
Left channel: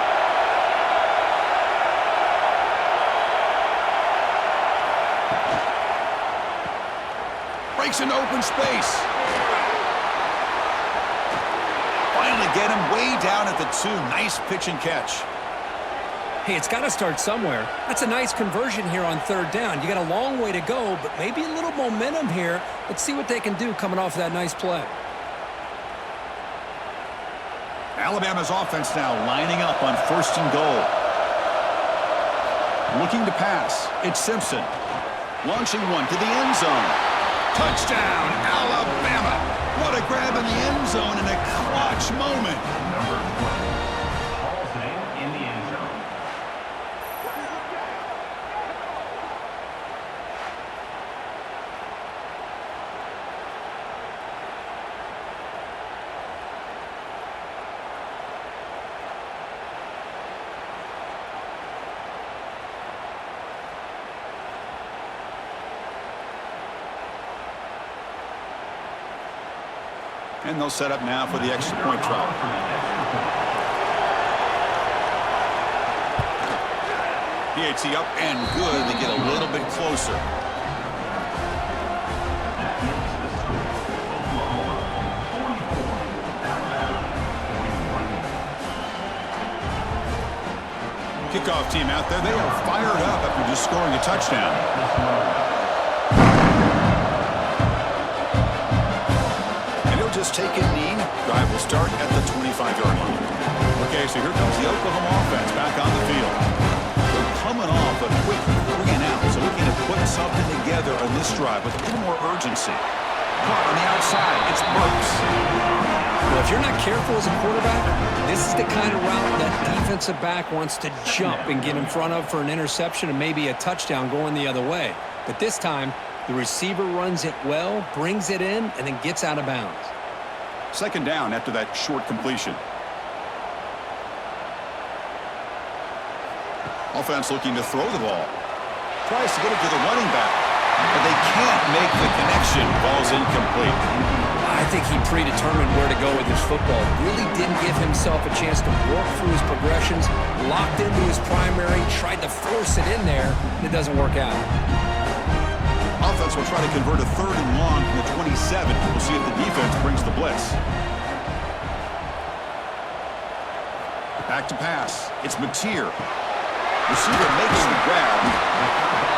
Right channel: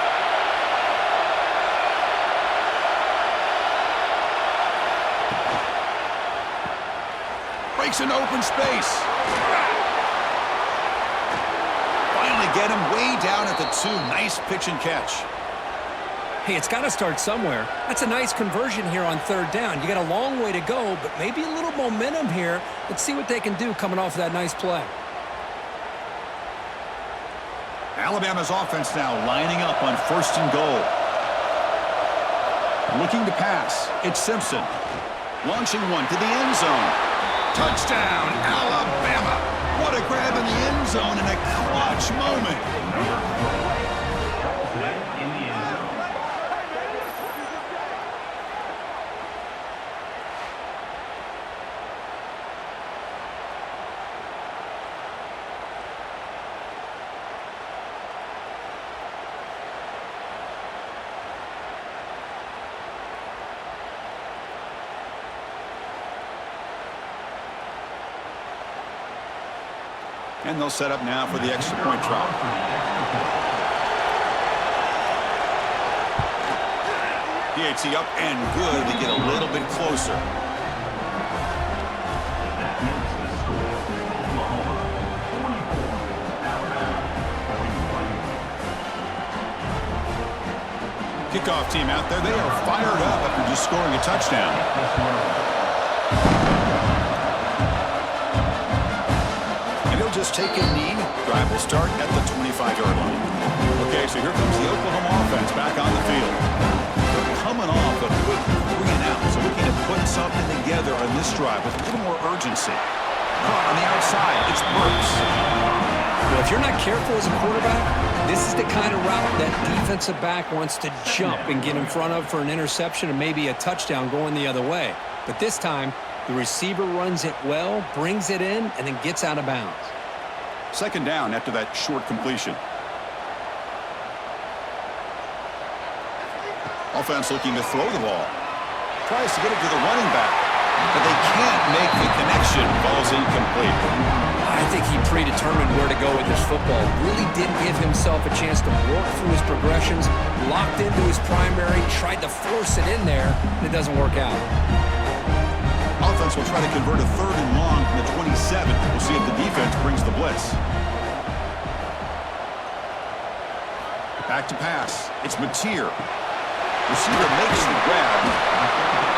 Breaks into open space. Finally get him way down at the 2. Nice pitch and catch. Hey, it's got to start somewhere. That's a nice conversion here on third down. You got a long way to go, but maybe a little momentum here. Let's see what they can do coming off of that nice play. Alabama's offense now lining up on 1st and goal. Looking to pass. It's Simpson. Launching one to the end zone. Touchdown, Alabama. What a grab in the end zone and a clutch moment. Number 20 hauls it in the end zone. And they'll set up now for the extra point try. PAT up and good. They get a little bit closer. That is the score. Oklahoma 44, Alabama 41. Kickoff team out there. They are fired up after just scoring a touchdown. Just take a knee. Drive will start at the 25-yard line. Okay, so here comes the Oklahoma offense back on the field. They're coming off a quick 3 and out, so looking to put something together on this drive with a little more urgency. Caught on the outside. It's Burks. Well, if you're not careful as a quarterback, this is the kind of route that defensive back wants to jump and get in front of for an interception and maybe a touchdown going the other way. But this time, the receiver runs it well, brings it in, and then gets out of bounds. 2nd down after that short completion. Offense looking to throw the ball. Tries to get it to the running back, but they can't make the connection. Ball's incomplete. I think he predetermined where to go with his football. Really didn't give himself a chance to work through his progressions, locked into his primary, tried to force it in there, and it doesn't work out. Offense will try to convert a 3rd and long from the 27. We'll see if the defense brings the blitz. Back to pass. It's Mateer. Receiver makes the grab.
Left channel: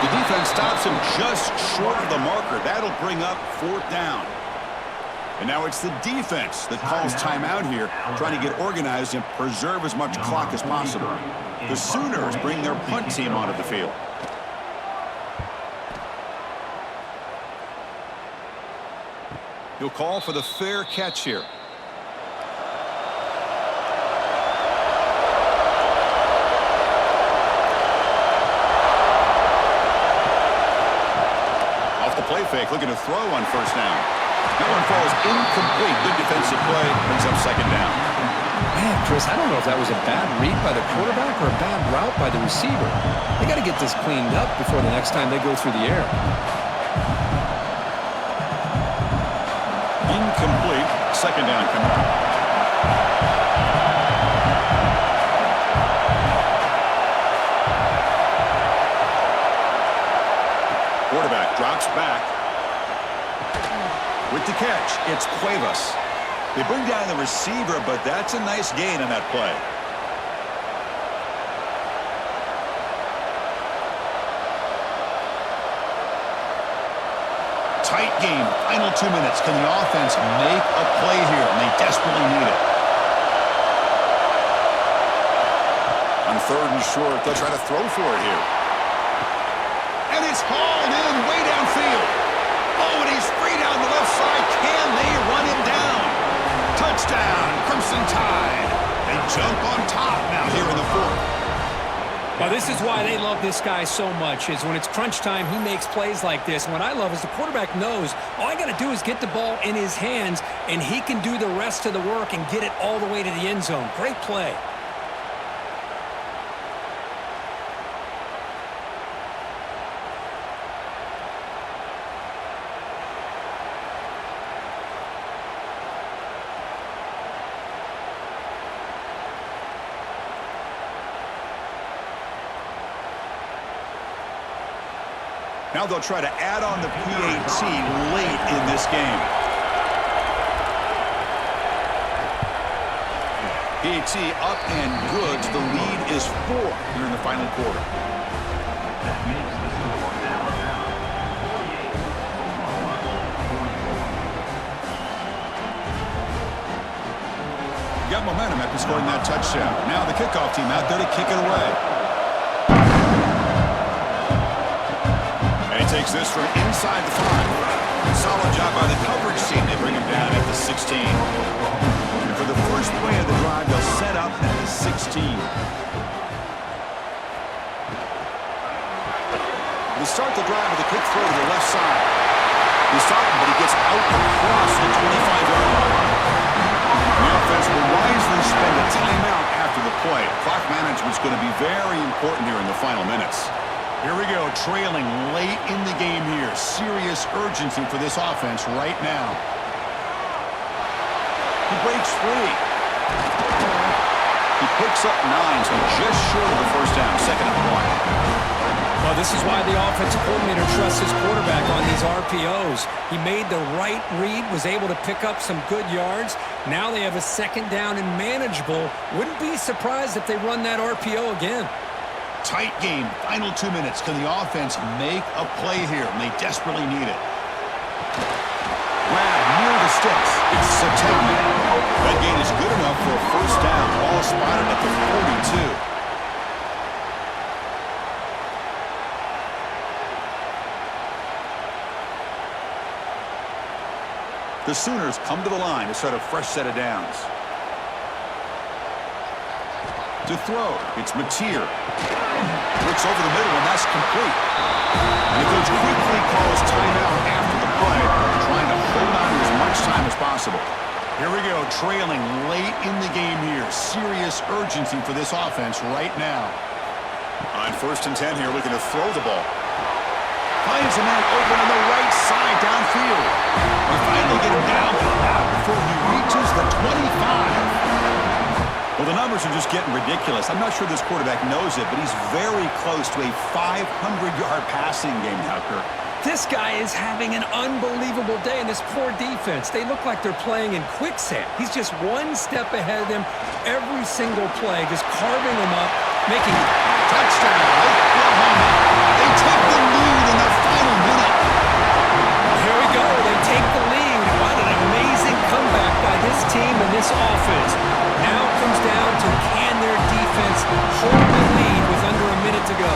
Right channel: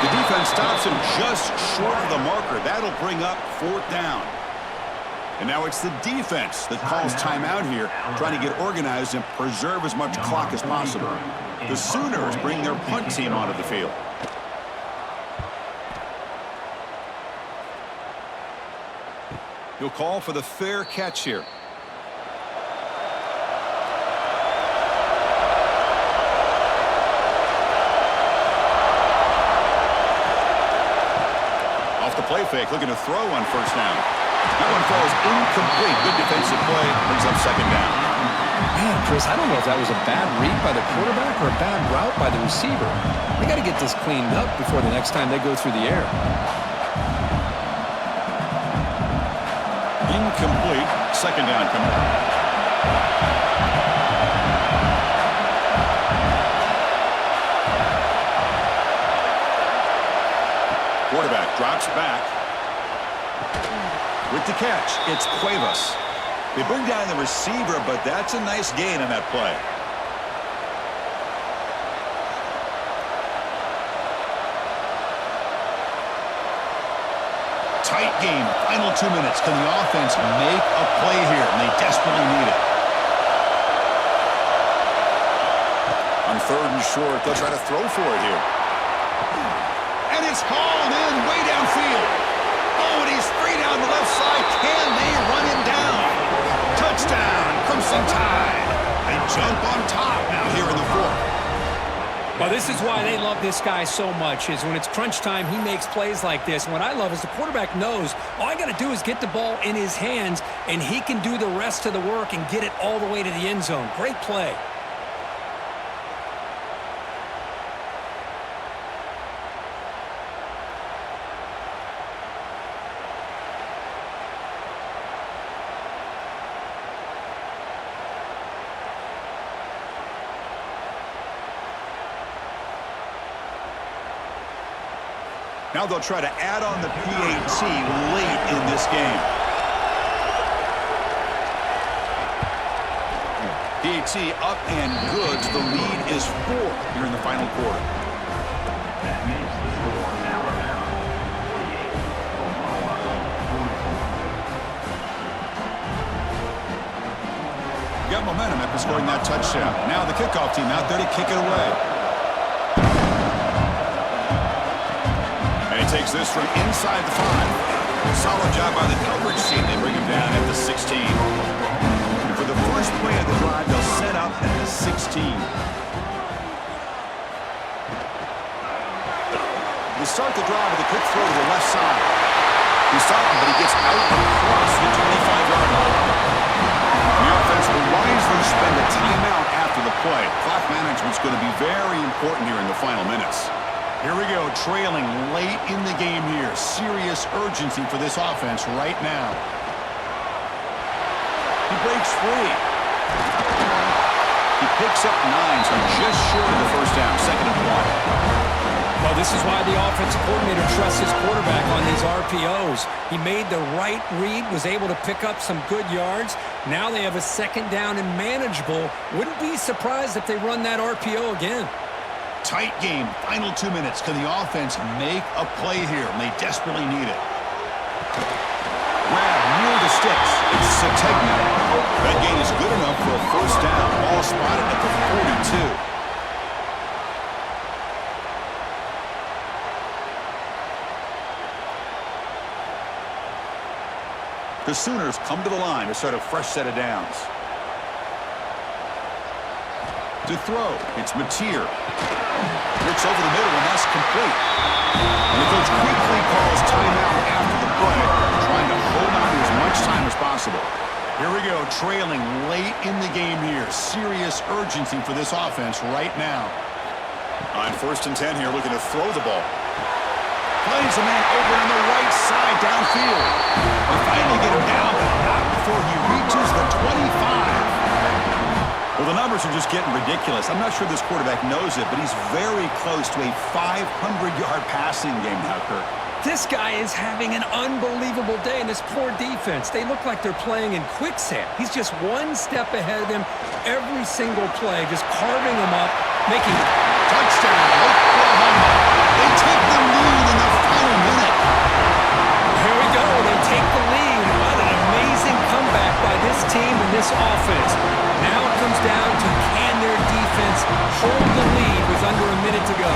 The defense stops him just short of the marker. That'll bring up 4th down. And now it's the defense that calls timeout here, trying to get organized and preserve as much clock as possible. The Sooners bring their punt team onto the field. He'll call for the fair catch here. Off the play fake, looking to throw on 1st down. That one falls incomplete. Good defensive play, brings up 2nd down. Man, Chris, I don't know if that was a bad read by the quarterback or a bad route by the receiver. They got to get this cleaned up before the next time they go through the air. Incomplete. Second down coming up. Quarterback drops back. With the catch, it's Cuevas. They bring down the receiver, but that's a nice gain on that play. Tight game. Final 2 minutes. Can the offense make a play here? And they desperately need it. On 3rd and short, they'll try to throw for it here. And it's hauled in way downfield. Oh, and he's free down the left side. Can they run him down? Touchdown, Crimson Tide. They jump on top now here in the 4th. Well, this is why they love this guy so much, is when it's crunch time, he makes plays like this. And what I love is the quarterback knows all I got to do is get the ball in his hands, and he can do the rest of the work and get it all the way to the end zone. Great play. Now they'll try to add on the PAT late in this game. PAT up and good. The lead is 4 here in the final quarter. That makes the score Alabama 48, Oklahoma 44. Got momentum after scoring that touchdown. Now the kickoff team out there to kick it away. And he takes this from inside the 5. Solid job by the coverage team. They bring him down at the 16. And for the first play of the drive, they'll set up at the 16. They start the drive with a quick throw to the left side. He's stopping, but he gets out across the 25-yard line. The offense will wisely spend a timeout after the play. Clock management's going to be very important here in the final minutes. Here we go, trailing late in the game here. Serious urgency for this offense right now. He breaks free. He picks up 9, so just short of the first down, 2nd and 1. Well, this is why the offensive coordinator trusts his quarterback on these RPOs. He made the right read, was able to pick up some good yards. Now they have a 2nd down and manageable. Wouldn't be surprised if they run that RPO again. Tight game, final 2 minutes. Can the offense make a play here? And they desperately need it. Grab near the sticks. It's Sategman. That gain is good enough for a first down. Ball spotted at the 42. The Sooners come to the line to start a fresh set of downs. To throw, it's Mateer. Looks over the middle, and that's complete. And the coach quickly calls timeout after the play, trying to hold on to as much time as possible. Here we go, trailing late in the game here. Serious urgency for this offense right now. On 1st and 10 here, looking to throw the ball. Finds a man open on the right side downfield. They finally get him down, but not before he reaches the 25. Well, the numbers are just getting ridiculous. I'm not sure this quarterback knows it, but he's very close to a 500-yard passing game now, Kirk. This guy is having an unbelievable day in this poor defense. They look like they're playing in quicksand. He's just one step ahead of them every single play, just carving them up, making touchdown, Oklahoma. They take the lead in the final minute. Here we go. They take the lead. What an amazing comeback by this team and this offense. Now it comes down to can their defense hold the lead with under a minute to go.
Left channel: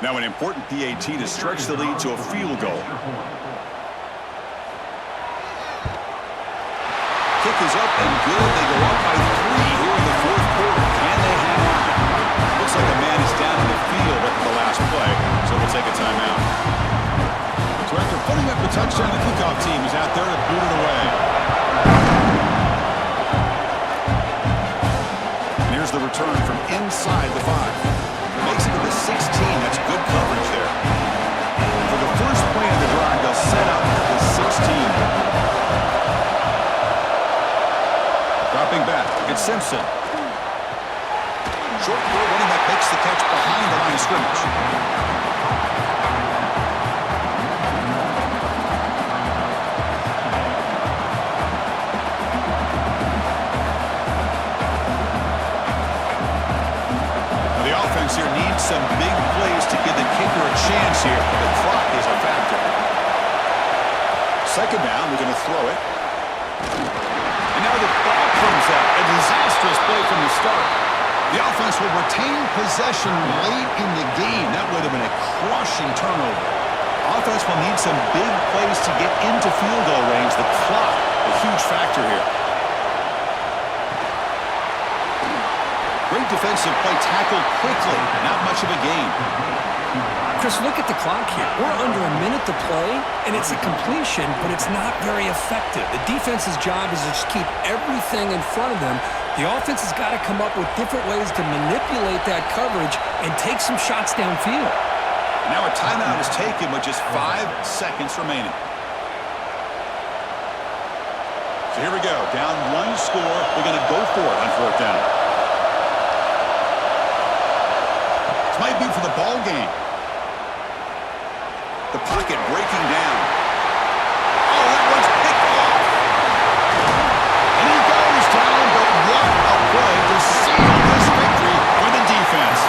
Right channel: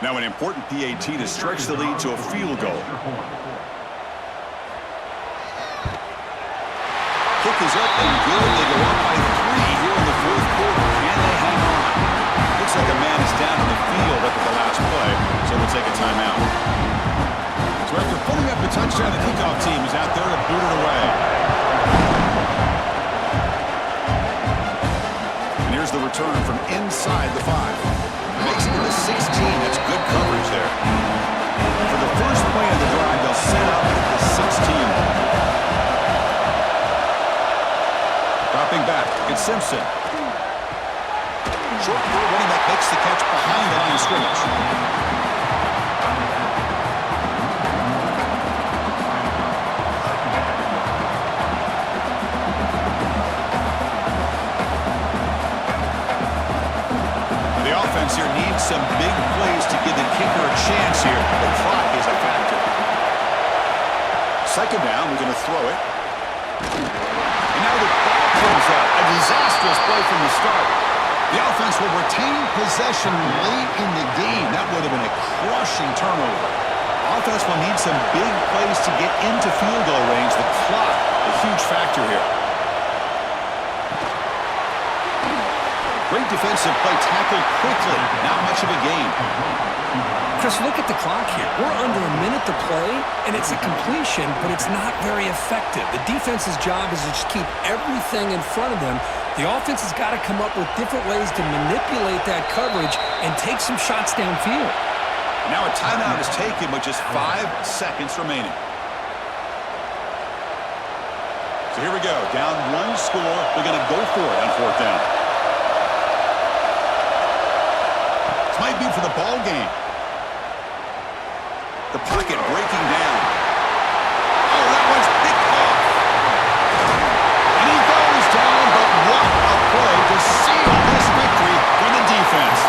Now an important PAT to stretch the lead to a field goal. Kick is up and good. They go up by 3 here in the fourth quarter. Can they hang on? Looks like a man is down in the field after the last play, so we'll take a timeout. So after putting up the touchdown, the kickoff team is out there to boot it away. And here's the return from inside the 5. Makes it to the 16. That's good coverage there. For the first play of the drive, they'll set up at the 16. Dropping back, it's Simpson. Short throw, running back makes the catch behind the line of scrimmage. Now the offense here needs some big plays to give the kicker a chance here. The clock is a factor. Second down, we're going to throw it. And now the ball comes out. A disastrous play from the start. The offense will retain possession late in the game. That would have been a crushing turnover. Offense will need some big plays to get into field goal range. The clock, a huge factor here. Great defensive play, tackled quickly. Not much of a gain. Chris, look at the clock here. We're under a minute to play, and it's a completion, but it's not very effective. The defense's job is to just keep everything in front of them. The offense has got to come up with different ways to manipulate that coverage and take some shots downfield. Now a timeout is taken with just 5 seconds remaining. So here we go. Down 1 score. They're going to go for it on 4th down. This might be for the ball game. The pocket breaking down. Oh, that one's picked off. And he goes down, but what a play to seal this victory for the defense.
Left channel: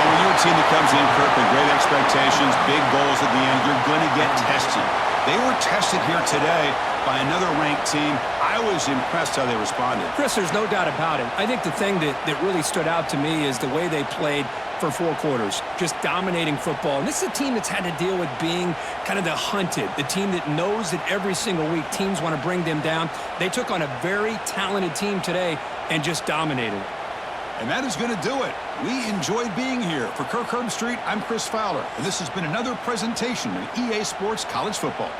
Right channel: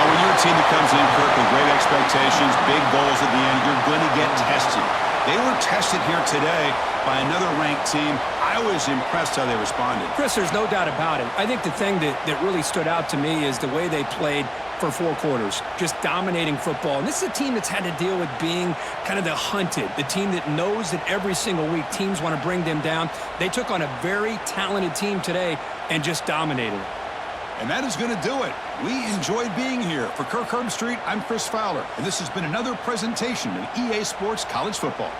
Oh, when you're a team that comes in, Kirk, with great expectations, big goals at the end, you're going to get tested. They were tested here today by another ranked team. I was impressed how they responded. Chris, there's no doubt about it. I think the thing that really stood out to me is the way they played for 4 quarters, just dominating football. And this is a team that's had to deal with being kind of the hunted, the team that knows that every single week teams want to bring them down. They took on a very talented team today and just dominated it. And that is going to do it. We enjoyed being here. For Kirk Herbstreit, I'm Chris Fowler, and this has been another presentation of EA Sports College Football.